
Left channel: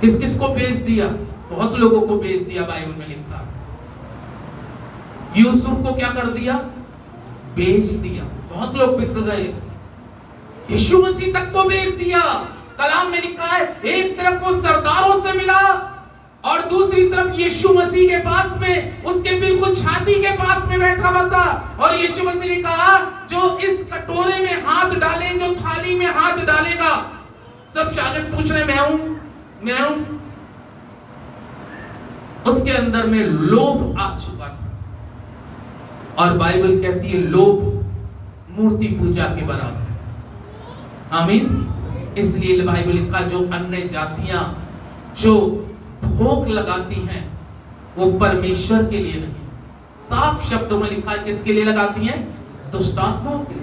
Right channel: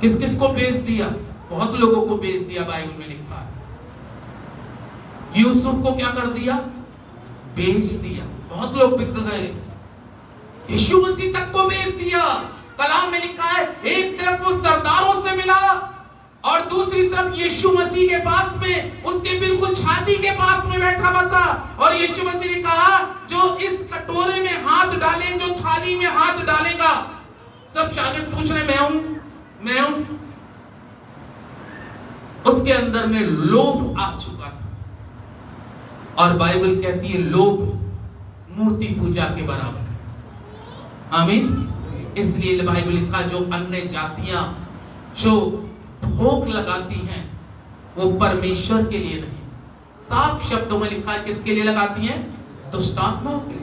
किस किस को बेच दिया? बहुत लोगों को बेच दिया। बाइबल में लिखा यूसुफ को क्या कर दिया? बेच दिया। बहुत लोग बिक गए। यीशु मसीह तक को बेच दिया। कलाम में लिखा है, एक तरफ वो सरदारों से मिला और दूसरी तरफ यीशु मसीह के पास में, उसके बिल्कुल छाती के पास में बैठा हुआ था। और यीशु मसीह ने कहा, जो इस कटोरे में हाथ डाले, जो थाली में हाथ डालेगा, सब शागिर्द पूछ रहे, मैं हूं। उसके अंदर में लोभ आ चुका था। और बाइबल कहती है लोभ मूर्ति पूजा के बराबर है। आमीन। इसलिए बाइबल लिखा, जो अन्य जातियां जो भोग लगाती हैं वो परमेश्वर के लिए नहीं, साफ शब्दों में लिखा है किसके लिए लगाती हैं? दुष्ट आत्माओं के लिए।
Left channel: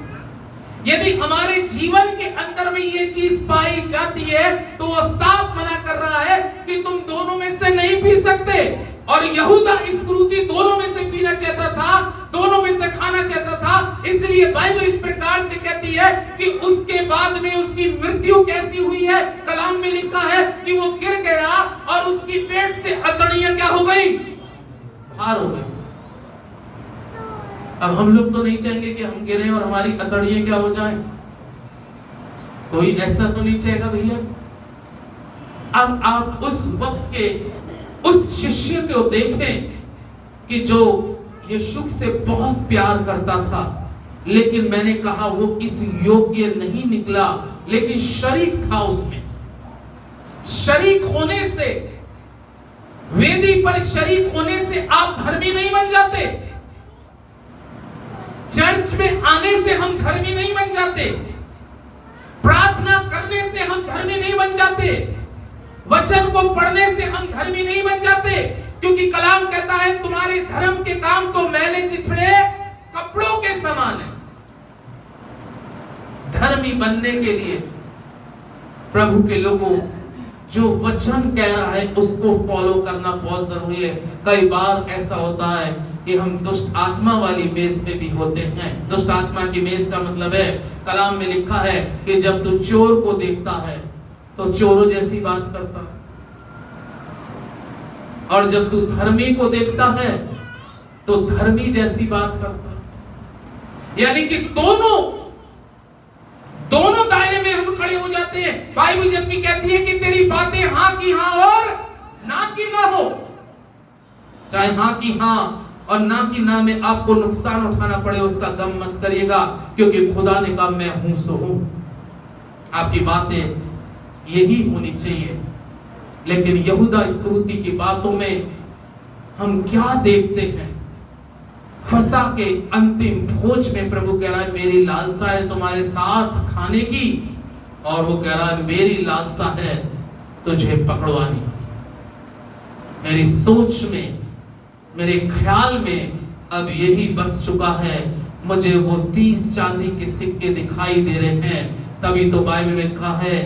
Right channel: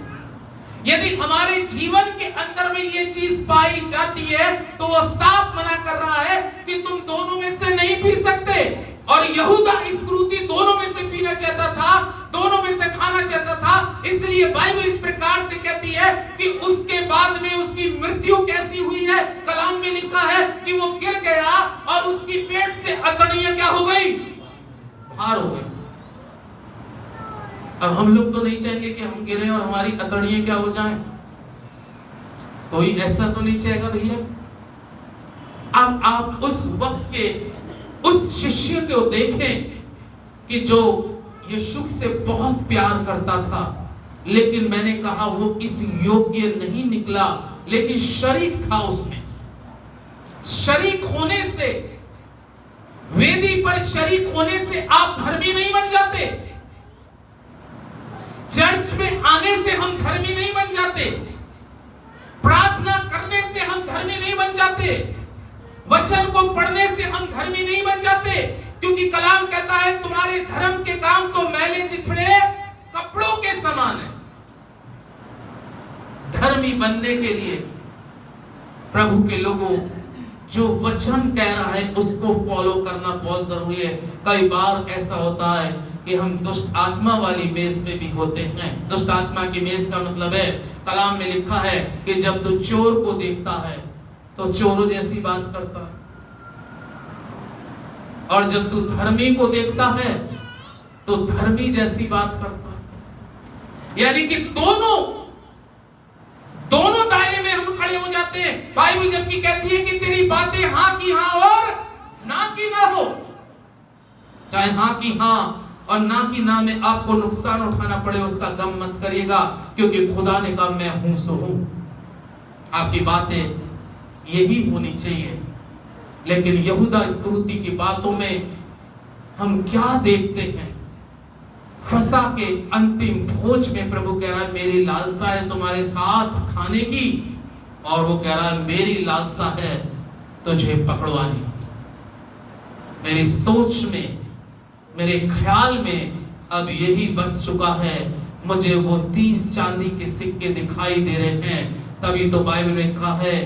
यदि हमारे जीवन के अंदर में ये चीज पाई जाती है तो वो साफ मना कर रहा है कि तुम दोनों में से नहीं पी सकते। और यहूदा इस्करियोती दोनों में से पीना चाहता था, दोनों में से खाना चाहता था। इसलिए बाइबल इस प्रकार से कहती है कि उसके बाद में उसकी मृत्यु कैसी हुई है? कलाम में लिखा है कि वो गिर गया और उसकी पेट से अतड़ियां क्या हो गई? बाहर हो गई। अब हम लोग तो नहीं चाहेंगे कि हम गिरे और हमारी अतड़ियां क्या हो जाएं। कोई ऐसा तो नहीं चाहेगा भैया। अब आप उस वक्त के उस शिष्य को देखें कि जो यीशु से बहुत प्यार करता था, लेकिन मैंने कहा वो इस योग्य नहीं निकला, लेकिन शरीक था उसमें। शरीक होने से, वेदी पर शरीक होने से आप धर्मी नहीं बन जाते। चर्च में आने से हम धर्मी नहीं बन जाते। प्रार्थना करने से हम धर्मी नहीं बन जाते। वचन को पढ़ने से हम धर्मी नहीं बन जाते, क्योंकि कलाम कहता है तुम्हारे धर्म के काम तो मैले चिथड़े कपड़ों के समान है। धर्मी बनने के लिए प्रभु के लोगों जो वचन कह रहा है उसको फॉलो करना बहुत जरूरी है। कई बार ऐसा होता है कि हम दुष्ट आत्मा वाली मेज में भी होते हैं। दुष्ट आत्मा की मेज का मतलब है, कलाम में लिखा है कि जब तू चोर को देखता है तो चोरों जैसी बात करता है, और जब तू धर्मी को देखता है तो धर्मी जैसी बात करता है। यानी कि दोनों दायरे में हम खड़े हो जाते हैं। बाइबल जबकि कहती है कि तेरी बातें हाँ की हाँ और ना की ना हो, चाहे हाँ की हाँ और ना की ना में आपको नुकसान उठाना पड़े उसका गम मत करिएगा, क्योंकि खुदा ने कहा मैं हूं सो हूं। आपकी बातें यही होनी चाहिए। लेकिन यहूदा इस्करियोती की बातों में हम क्या देखते हैं? फसह के अंतिम भोज में प्रभु कह रहा है मेरी लालसा है तुम्हारे साथ खाने की, और वो कह रहा है मेरी लालसा है तुझे पकड़वाने की। मेरी सोच में, मेरे ख्याल में अब यही बस चुका है, मुझे वो 30 चांदी के सिक्के दिखाई दे रहे हैं। तभी तो बाइबल में कहा है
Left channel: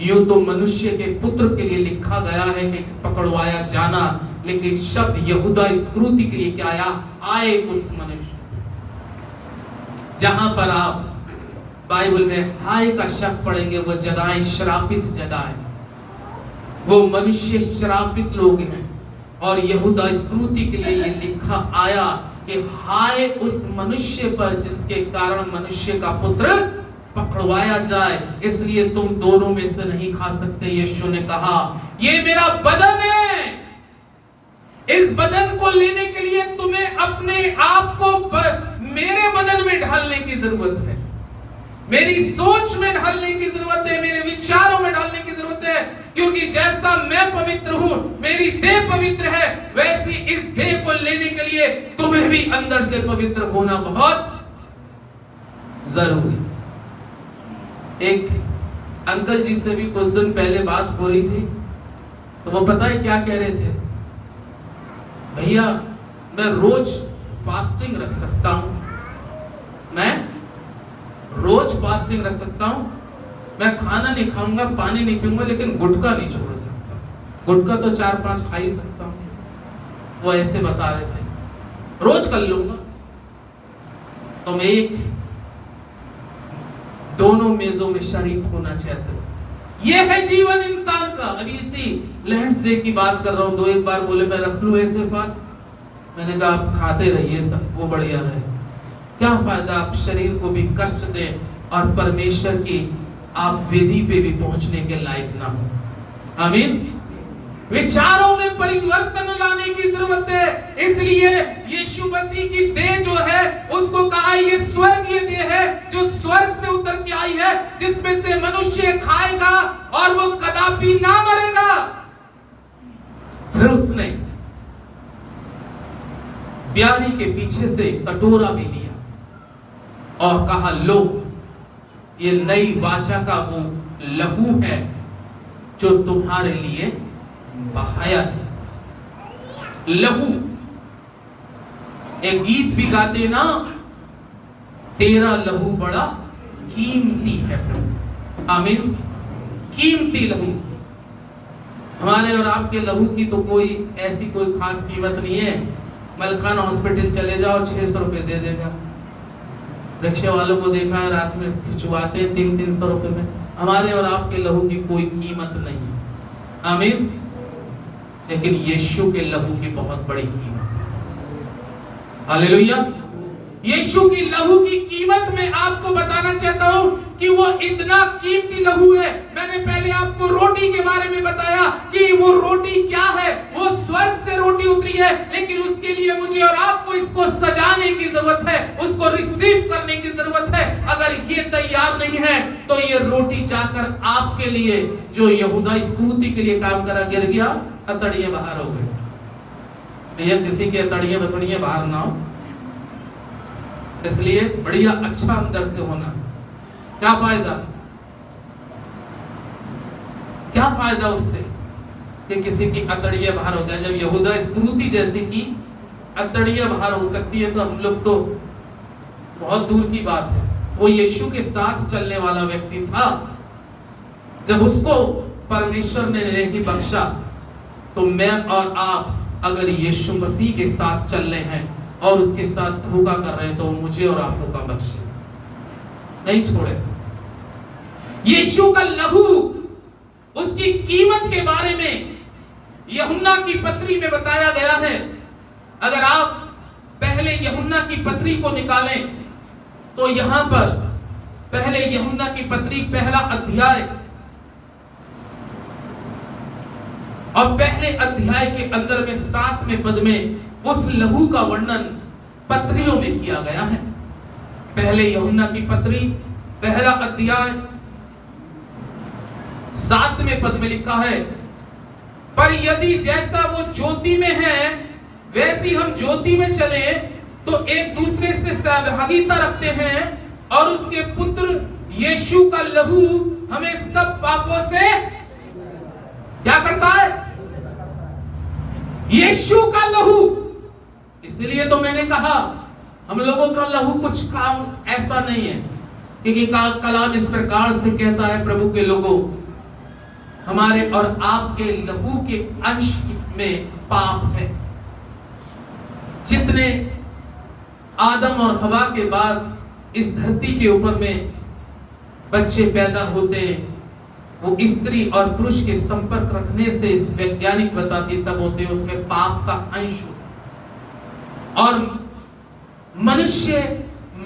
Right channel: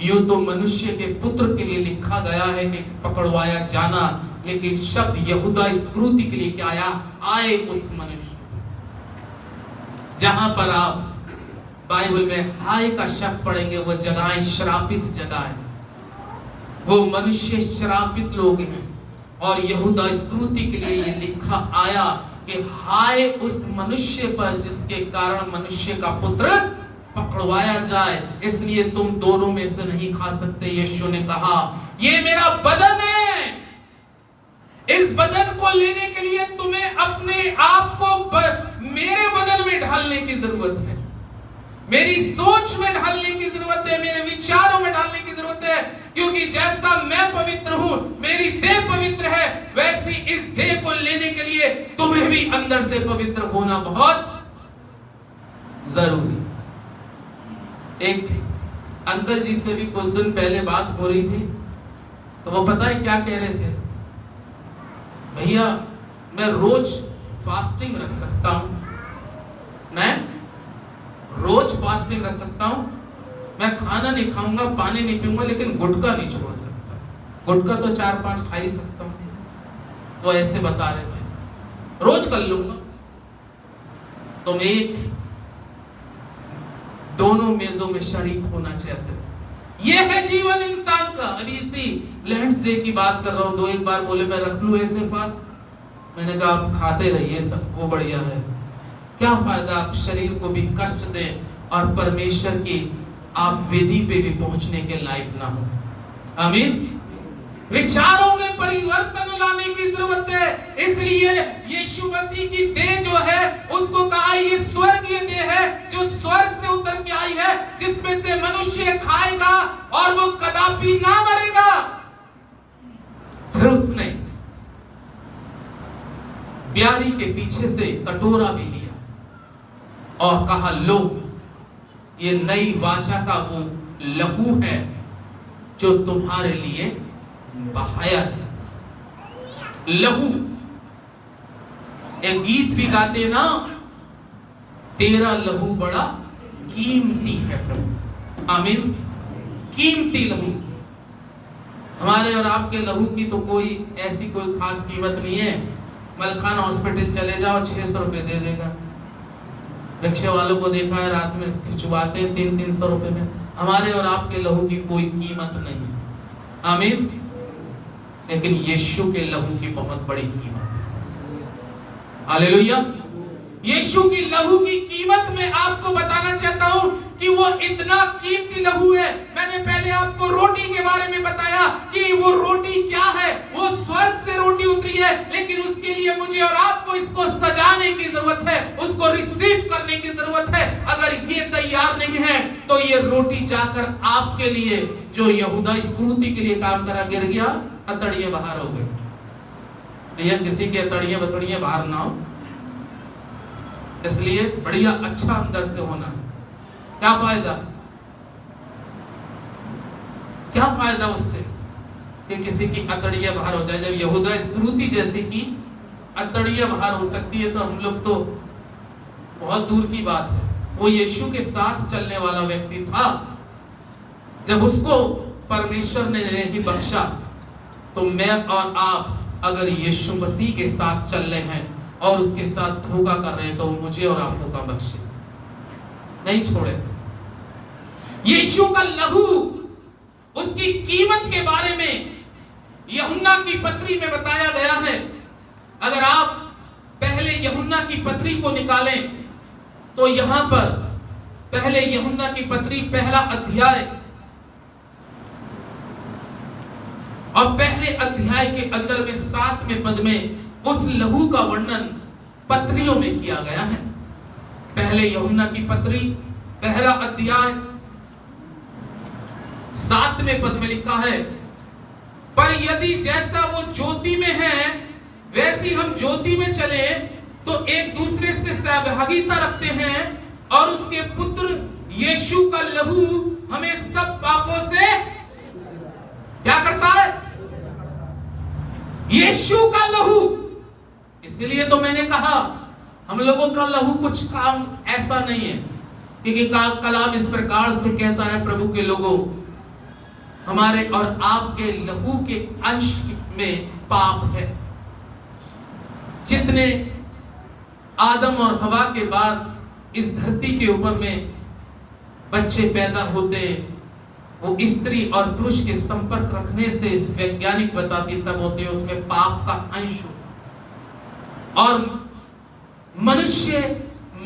यूं तो मनुष्य के पुत्र के लिए लिखा गया है कि पकड़वाया जाना, लेकिन शब्द यहूदा इस्करियोती के लिए क्या आया? आए उस मनुष्य। जहां पर आप बाइबल में हाय का शब्द पढ़ेंगे वो जगहें श्रापित जगहें, वो मनुष्य श्रापित लोग हैं। और यहूदा इस्करियोती के लिए ये लिखा आया कि हाय उस मनुष्य पर जिसके कारण मनुष्य का पुत्र पकड़वाया जाए, इसलिए तुम दोनों में से नहीं खा सकते। यीशु ने कहा ये मेरा बदन है, इस बदन को लेने के लिए तुम्हें अपने आप को मेरे बदन में ढालने की जरूरत है, मेरी सोच में ढालने की जरूरत है, मेरे विचारों में ढालने की जरूरत है। क्योंकि जैसा मैं पवित्र हूं, मेरी देह पवित्र है, वैसी इस देह को लेने के लिए तुम्हें भी अंदर से पवित्र होना बहुत जरूरी। एक अंकल जी से भी कुछ दिन पहले बात हो रही थी, तो वो पता है क्या कह रहे थे? भैया मैं रोज फास्टिंग रख सकता हूं, मैं रोज फास्टिंग रख सकता हूं, मैं खाना नहीं खाऊंगा, पानी नहीं पीऊंगा, लेकिन गुटखा नहीं छोड़ सकता। गुटखा तो 4-5 खा ही सकता हूं। वो ऐसे बता रहे थे रोज कर लूंगा। तुम एक दोनों मेजों में शरीक होना चाहते हो। यह है जीवन इंसान का। अभी इसी लैंड्स डे की बात कर रहा हूं, 2-1 बार बोले मैं रख लूं ऐसे फास्ट, मैंने कहा आप खाते रहिए सब, वो बढ़िया है। क्या फायदा आप शरीर को भी कष्ट दें और परमेश्वर की आप वेदी पे भी पहुंचने के लायक ना हो। आमीन। विचारों में परिवर्तन लाने की जरूरत है। इसलिए यीशु मसीह की देह जो है उसको कहा ये स्वर्गीय देह है, जो स्वर्ग से उतर के आई है, जिसमें से मनुष्य खाएगा और वो कदापि ना मरेगा। फिर उसने ब्यारी के पीछे से कटोरा भी लिया और कहा लो ये नई वाचा का वो लहू है जो तुम्हारे लिए बहाया जाए। लहू, एक गीत भी गाते ना, तेरा लहू बड़ा कीमती है प्रभु। आमीन। कीमती लहू। हमारे और आपके लहू की तो कोई ऐसी कोई खास कीमत नहीं है। मलखान हॉस्पिटल चले जाओ 600 रुपए दे देगा। रिक्शे वालों को देखा है रात में खिंचवाते हैं 300-300 रुपए में। हमारे और आपके लहू की कोई कीमत नहीं है। आमीन। लेकिन यीशु के लहू की बहुत बड़ी कीमत है। हालेलुया। यीशु की लहू की कीमत में आपको बताना चाहता हूं कि वो इतना कीमती लहू है। मैंने पहले आपको रोटी के बारे में बताया कि वो रोटी क्या है, वो स्वर्ग से रोटी उतरी है, लेकिन उसके लिए मुझे और आपको इसको सजाने की जरूरत है, उसको रिसीव करने की जरूरत है। अगर ये तैयार नहीं है तो ये रोटी जाकर आपके लिए जो यहूदा इस्करियोती के लिए काम करा गिर गया, अतड़िए बाहर हो गए। भैया किसी के अतड़िए बतड़िए बाहर ना हो, इसलिए बढ़िया अच्छा अंदर से होना। क्या फायदा, क्या फायदा उससे कि किसी की अतड़ियां बाहर हो जाए। जब यहूदा इस्करियोती जैसी की अतड़ियां बाहर हो सकती है तो हम लोग तो बहुत दूर की बात है। वो यीशु के साथ चलने वाला व्यक्ति था। जब उसको परमेश्वर ने नहीं बख्शा तो मैं और आप अगर यीशु मसीह के साथ चल रहे हैं और उसके साथ धोखा कर रहे हैं तो मुझे और आपको का बख्शे नहीं छोड़े। यीशु का लहू, उसकी कीमत के बारे में यूहन्ना की पत्री में बताया गया है। अगर आप की पत्री को निकालें तो यहां पर पहले यूहन्ना की पत्री पहला अध्याय और पहले अध्याय के अंदर में 7वें पद में उस लहू का वर्णन पत्रियों में किया गया है। पहले यूहन्ना की पत्री पहला अध्याय 7वें पद में लिखा है, पर यदि जैसा वो ज्योति में है वैसी हम ज्योति में चले तो एक दूसरे से सहभागिता रखते हैं और उसके पुत्र यीशु का लहू हमें सब पापों से क्या करता है? यीशु का लहू। इसलिए तो मैंने कहा हम लोगों का लहू कुछ काम ऐसा नहीं है, क्योंकि कलाम इस प्रकार से कहता है, प्रभु के लोगों, हमारे और आपके लहू के अंश में पाप है। जितने आदम और हवा के बाद इस धरती के ऊपर में बच्चे पैदा होते हैं, वो स्त्री और पुरुष के संपर्क रखने से वैज्ञानिक बताती तब होते हैं, उसमें पाप का अंश होता और मनुष्य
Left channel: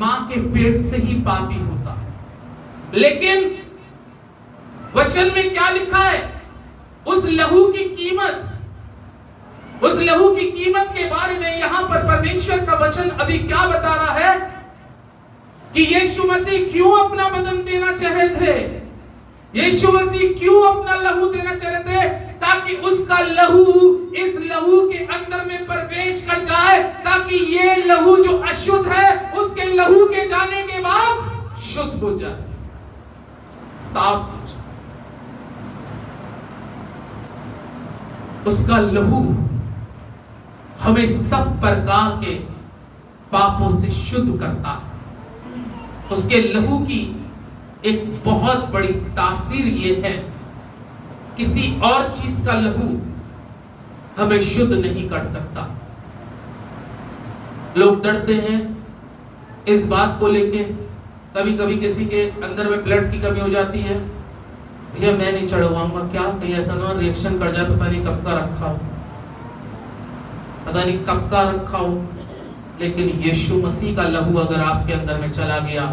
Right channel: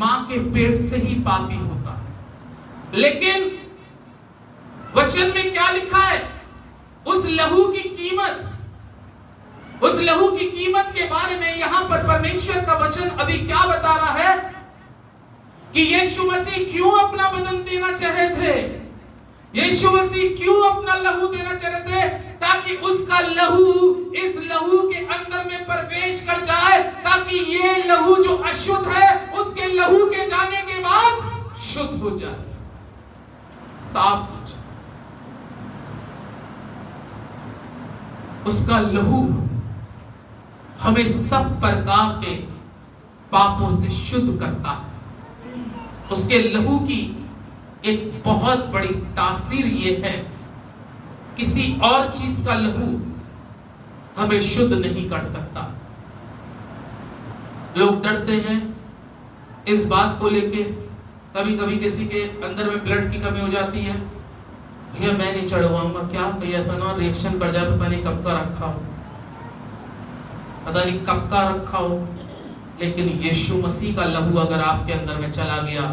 मां के पेट से ही पापी होता है। लेकिन वचन में क्या लिखा है? उस लहू की कीमत के बारे में यहां पर परमेश्वर का वचन अभी क्या बता रहा है कि यीशु मसीह क्यों अपना बदन देना चाहे थे। यीशु मसीह क्यों अपना लहू देना चाहे थे? ताकि उसका लहू इस लहू के अंदर में प्रवेश कर जाए, ताकि ये लहू जो अशुद्ध है उसके लहू के जाने के बाद शुद्ध हो जाए, साफ हो जाए। उसका लहू हमें सब प्रकार के पापों से शुद्ध करता है। उसके लहू की एक बहुत बड़ी तासीर ये है, किसी और चीज का लहू हमें शुद्ध नहीं कर सकता। लोग डरते हैं इस बात को लेके, कभी कभी किसी के अंदर में ब्लड की कमी हो जाती है, भैया मैं नहीं चढ़वाऊंगा, क्या कहीं ऐसा ना रिएक्शन कर जाए, पता नहीं कब का रखा हो, पता नहीं कब का रखा हो। लेकिन यीशु मसीह का लहू अगर आपके अंदर में चला गया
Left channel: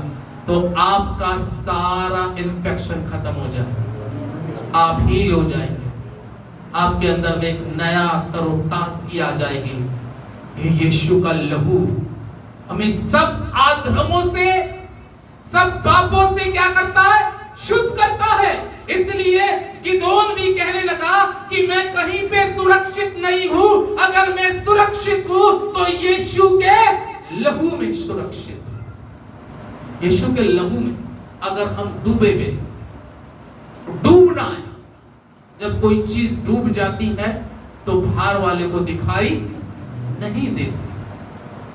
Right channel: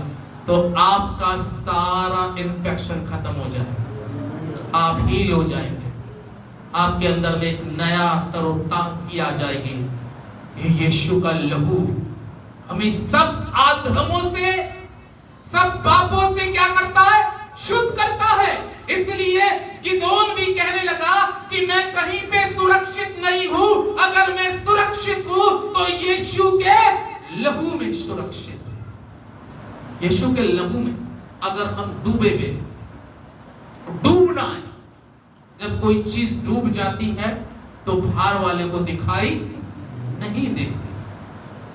तो आपका सारा इन्फेक्शन खत्म हो जाएगा, आप हील हो जाएंगे, आपके अंदर में एक नया तरोताजगी आ जाएगी। यीशु का लहू हमें सब आधर्मों से, सब पापों से क्या करता है? शुद्ध करता है। इसलिए गिदोन भी कहने लगा कि मैं कहीं पे सुरक्षित नहीं हूं, अगर मैं सुरक्षित हूं तो यीशु के लहू में सुरक्षित हूं। यीशु के लहू में अगर हम डूबे हुए, डूबना है, जब कोई चीज डूब जाती है तो बाहर वाले को दिखाई नहीं देती।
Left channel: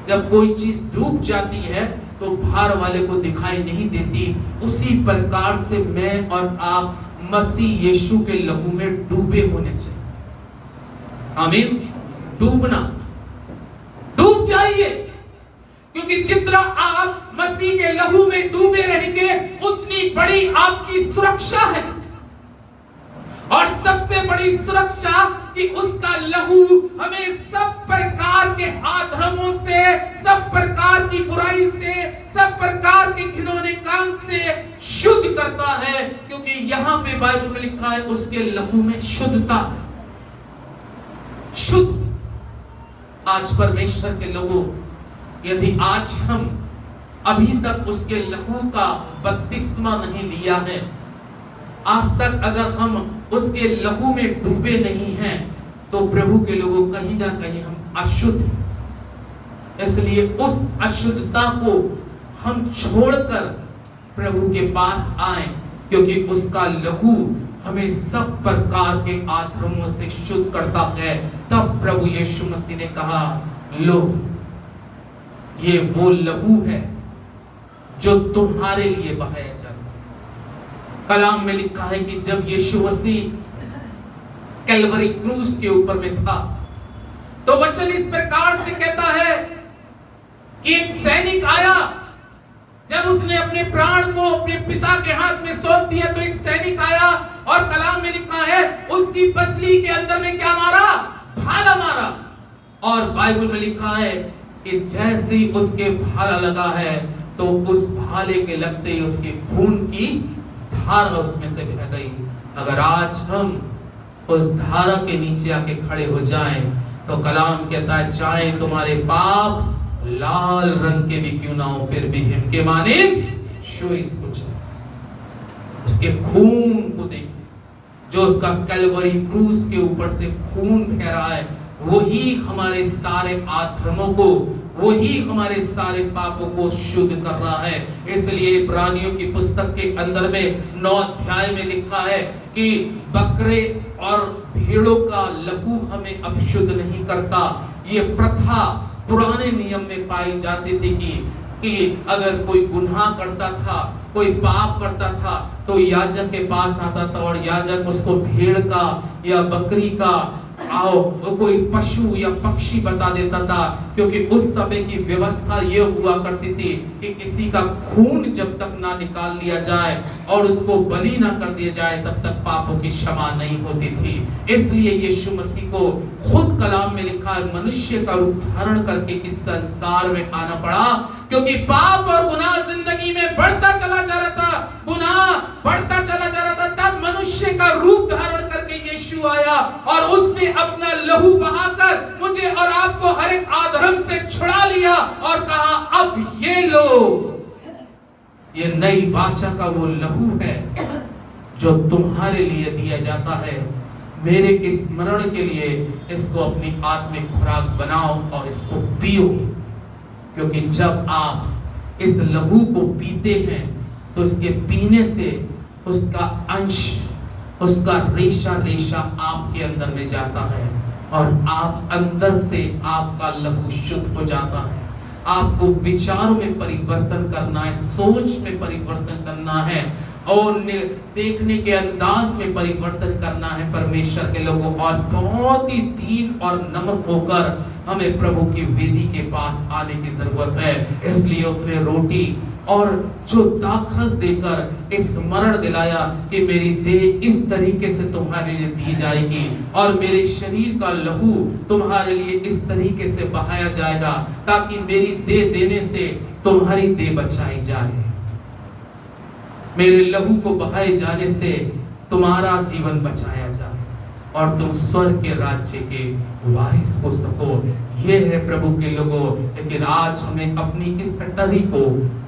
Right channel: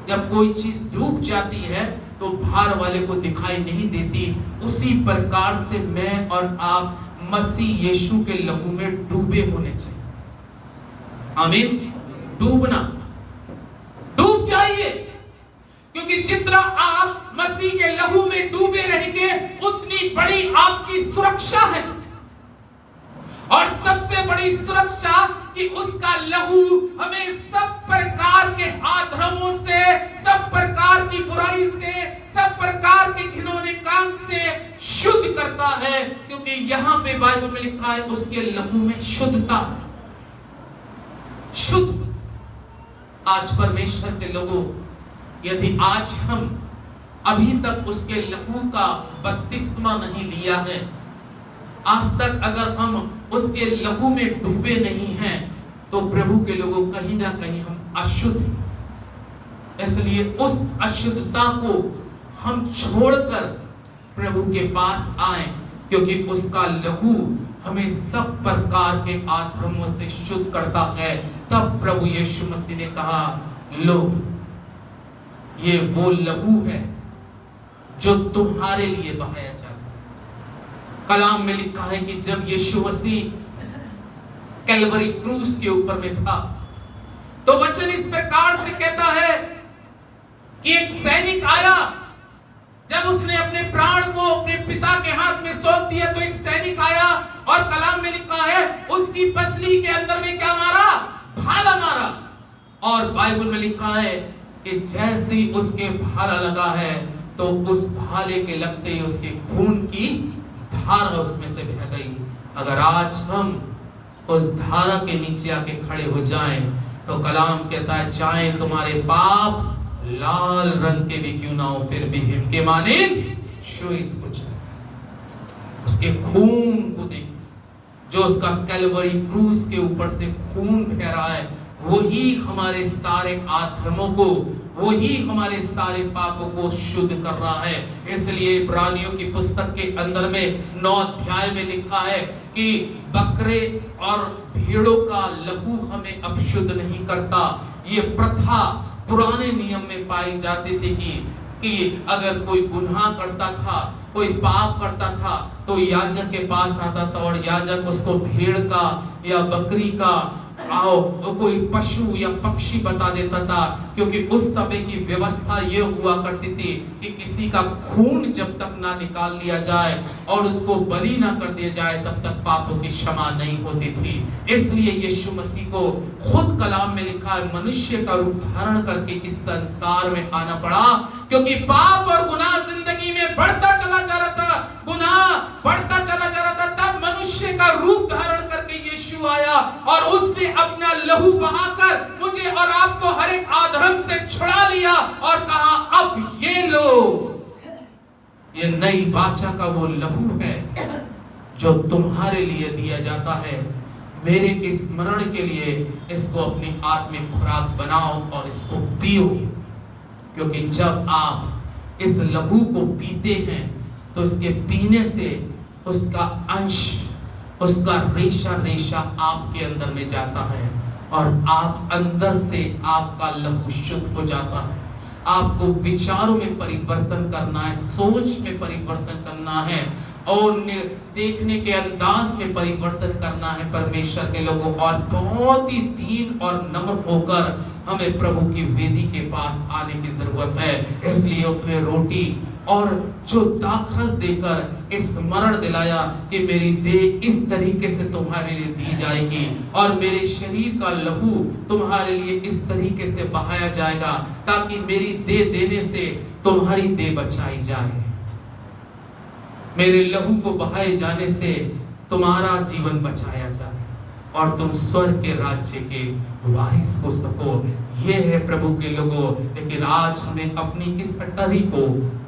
जब कोई चीज डूब जाती है तो बाहर वाले को दिखाई नहीं देती। उसी प्रकार से मैं और आप मसीह यीशु के लहू में डूबे होने चाहिए। आमीन। डूबना, डूब जाइए, क्योंकि जितना आप मसीह के लहू में डूबे रहेंगे उतनी बड़ी आपकी सुरक्षा है। और सबसे बड़ी सुरक्षा कि उसका लहू हमें सब प्रकार के अधर्मों से, सब प्रकार की बुराई से, सब प्रकार के घिनौने काम से शुद्ध करता है। क्योंकि यहां पे बाइबल में लिखा है उसके लहू में शुद्धता, शुद्ध। आज परमेश्वर के लोगों, यदि आज हम अभी तक उसके लहू का बपतिस्मा नहीं लिया है, आज तक अगर हम उसके लहू में डूबे नहीं हैं, तो प्रभु के लोगों कहीं ना कहीं हम अशुद्ध हैं। इसलिए उस अशुद्धता को हम छोड़कर प्रभु के पास आए, क्योंकि उसका लहू हमें सब प्रकार के अधर्मों से शुद्ध करता है। तब प्रभु यीशु मसीह ने कहा, लो ये वो लहू है जो तुम्हारे लिए बहाया जाता है। कलाम में लिखा है कि जब यीशु मसीह कैलवरी क्रूस के ऊपर में था, तो वचन इस प्रकार से कहता है कि एक सैनिक आया। जब उसने अपने प्राण को अपने पिता के हाथ में सौंप दिया, तो एक सैनिक आया और कलाम में लिखा है उसकी पसली के अंदर में क्या मारा? भाला मारा। और बाइबल में लिखा है कि जैसे ही उसके भाला लगा है तो उस भाले के लगते ही उसके खून की धारा उसमें से बह गई। अगर आज हम उस धारा के नीचे आके खड़े हो जाएं तो कलाम कहता है चाहे तुम्हारे पाप लाल रंग के भी क्यों ना हो फिर भी हिम के मानिंद श्वेत हो जाए। उसके खून को देखिए, जो उसका कैलवरी क्रूस के ऊपर से खून बह रहा है, वही हमारे सारे आधर्मों को, वही हमारे सारे पापों को शुद्ध कर रहा है। इसलिए इब्रानियों की पुस्तक के अंदर में 9 अध्याय में लिखा है कि बकरे और भेड़ों का लहू हमें अशुद्ध नहीं करता। ये प्रथा पुराने नियम में पाई जाती थी कि अगर कोई गुनाह करता था, कोई पाप करता था, तो याजक के पास आता था और याजक उसको भेड़ का या बकरी का कोई पशु या पक्षी बता देता था, क्योंकि उस समय की व्यवस्था ये हुआ करती थी कि किसी का खून जब तक ना निकाल लिया जाए और उसको बलि ना कर दिया जाए तब तक पापों की क्षमा नहीं होती थी। इसलिए यीशु मसीह को खुद कलाम में लिखा है मनुष्य का रूप धारण करके इस संसार में आना पड़ा, क्योंकि पाप और गुनाह जिंदगी में बढ़ता चला जा रहा था, गुनाह बढ़ता चला जा रहा था। तब मनुष्य का रूप धारण करके यीशु आया और उसने अपना लहू बहाकर मुझे और आपको हर एक अधर्म से छुड़ा लिया और कहा अब ये लो, ये नई वाचा का वो लहू है जो तुम्हारे लिए दिया जाता है। मेरे स्मरण के लिए इसको अपनी आत्मिक खुराक बनाओ और इसको पियो, क्योंकि जब आप इस लहू को पीते हैं तो इसके पीने से उसका अंश, उसका रेशा रेशा आपके अंदर में जाता है और आप अंदर से आपका लहू शुद्ध हो जाता है। आपको विचारों में परिवर्तन करना है, सोच में परिवर्तन करना है और देखने के अंदाज में परिवर्तन करना है परमेश्वर के लोगों। और बहुत ही दीन और नम्र होकर हमें प्रभु की वेदी के पास आने की जरूरत है। इसलिए उसने रोटी और जो दाखरस देकर स्मरण दिलाया कि मेरी देह इस तरीके से तुम्हारे लिए दी जाएगी और मेरे शरीर का लहू तुम्हारे लिए इस तरीके से बहाया जाएगा, ताकि मेरी देह देने से तुम्हारी देह बचाई जाए। मेरे लहू को बहाए जाने से तुम्हारा जीवन बचाया जाए और तुम स्वर्ग के राज्य के वारिस हो सको। ये है प्रभु के लोगों। लेकिन आज हमें अपनी इस अटरी को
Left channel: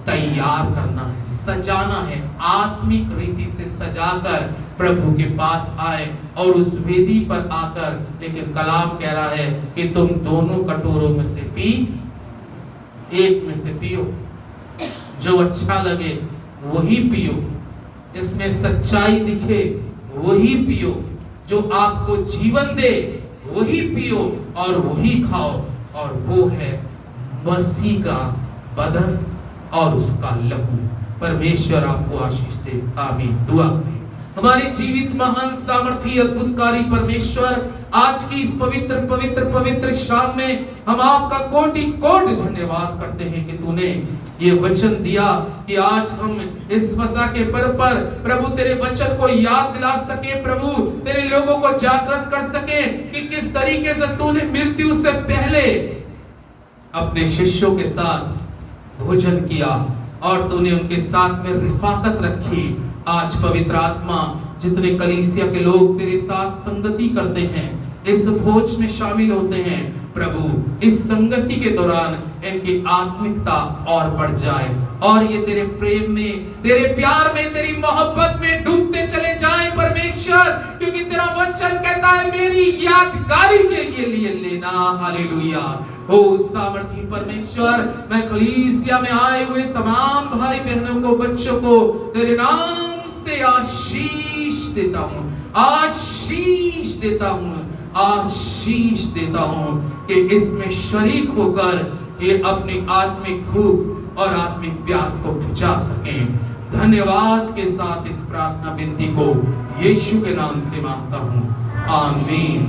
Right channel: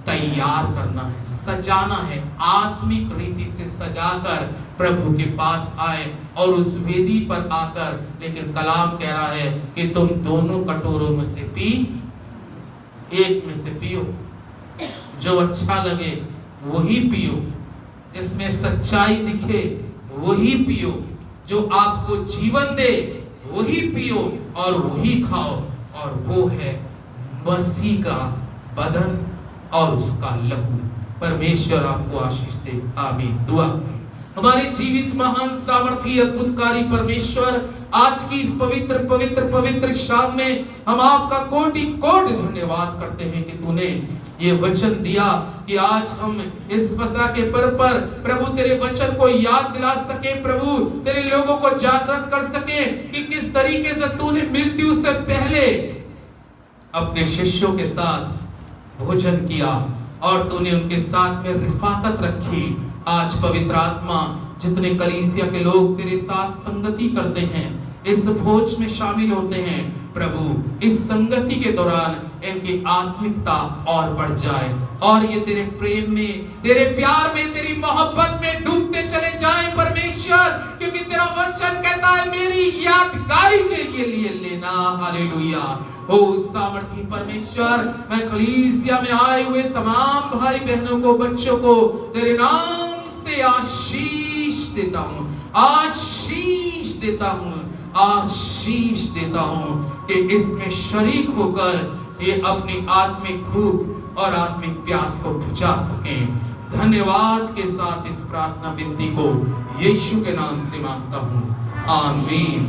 तैयार करना है, सजाना है, आत्मिक रीति से सजाकर प्रभु के पास आए और उस वेदी पर आकर। लेकिन कलाम कह रहा है कि तुम दोनों कटोरों में से पी, एक में से पियो, जो अच्छा लगे वही पियो, जिसमें सच्चाई दिखे वही पियो, जो आपको जीवन दे वही पियो और वही खाओ, और वो है मसीह का बदन और उसका लहू। परमेश्वर आपको आशीष दे, आमीन। दुआ करें। हमारे जीवित महान सामर्थी अद्भुतकारी परमेश्वर, आज की इस पवित्र पवित्र पवित्र शाम में हम आपका कोटि कोटि धन्यवाद करते हैं कि तूने ये वचन दिया कि आज हम इस फसह के पर्व पर प्रभु तेरे वचन को याद दिला सके, प्रभु तेरे लोगों को जागृत कर सके कि किस तरीके से तूने मृत्यु से पहले अपने शिष्यों के साथ भोजन किया और तूने उनके साथ में रिफाकत रखी। आज पवित्र आत्मा जितने कलीसिया के लोग तेरे साथ संगति करते हैं, इस भोज में शामिल होते हैं, प्रभु इस संगति के दौरान इनकी आत्मिकता और बढ़ जाए और ये तेरे प्रेम में, तेरे प्यार में, तेरी मोहब्बत में डूबते चले जाएं परमेश्वर, क्योंकि तेरा वचन कहता है मेरी यादगारी के लिए लेना। हालेलुया। ओ सामर्थी परमेश्वर, मैं कलीसिया में आए हुए तमाम भाई बहनों को, बच्चों को तेरे नाम से आशीष देता हूँ, आशीष देता हूँ, आशीष देता हूँ कि इसमें शरीक होकर ये अपनी आत्मिक भूख और आत्मिक प्यास को बुझा सकें। धन्यवाद के साथ इस प्रार्थना विनती को यीशु के नाम से मांगता हूँ, आमीन।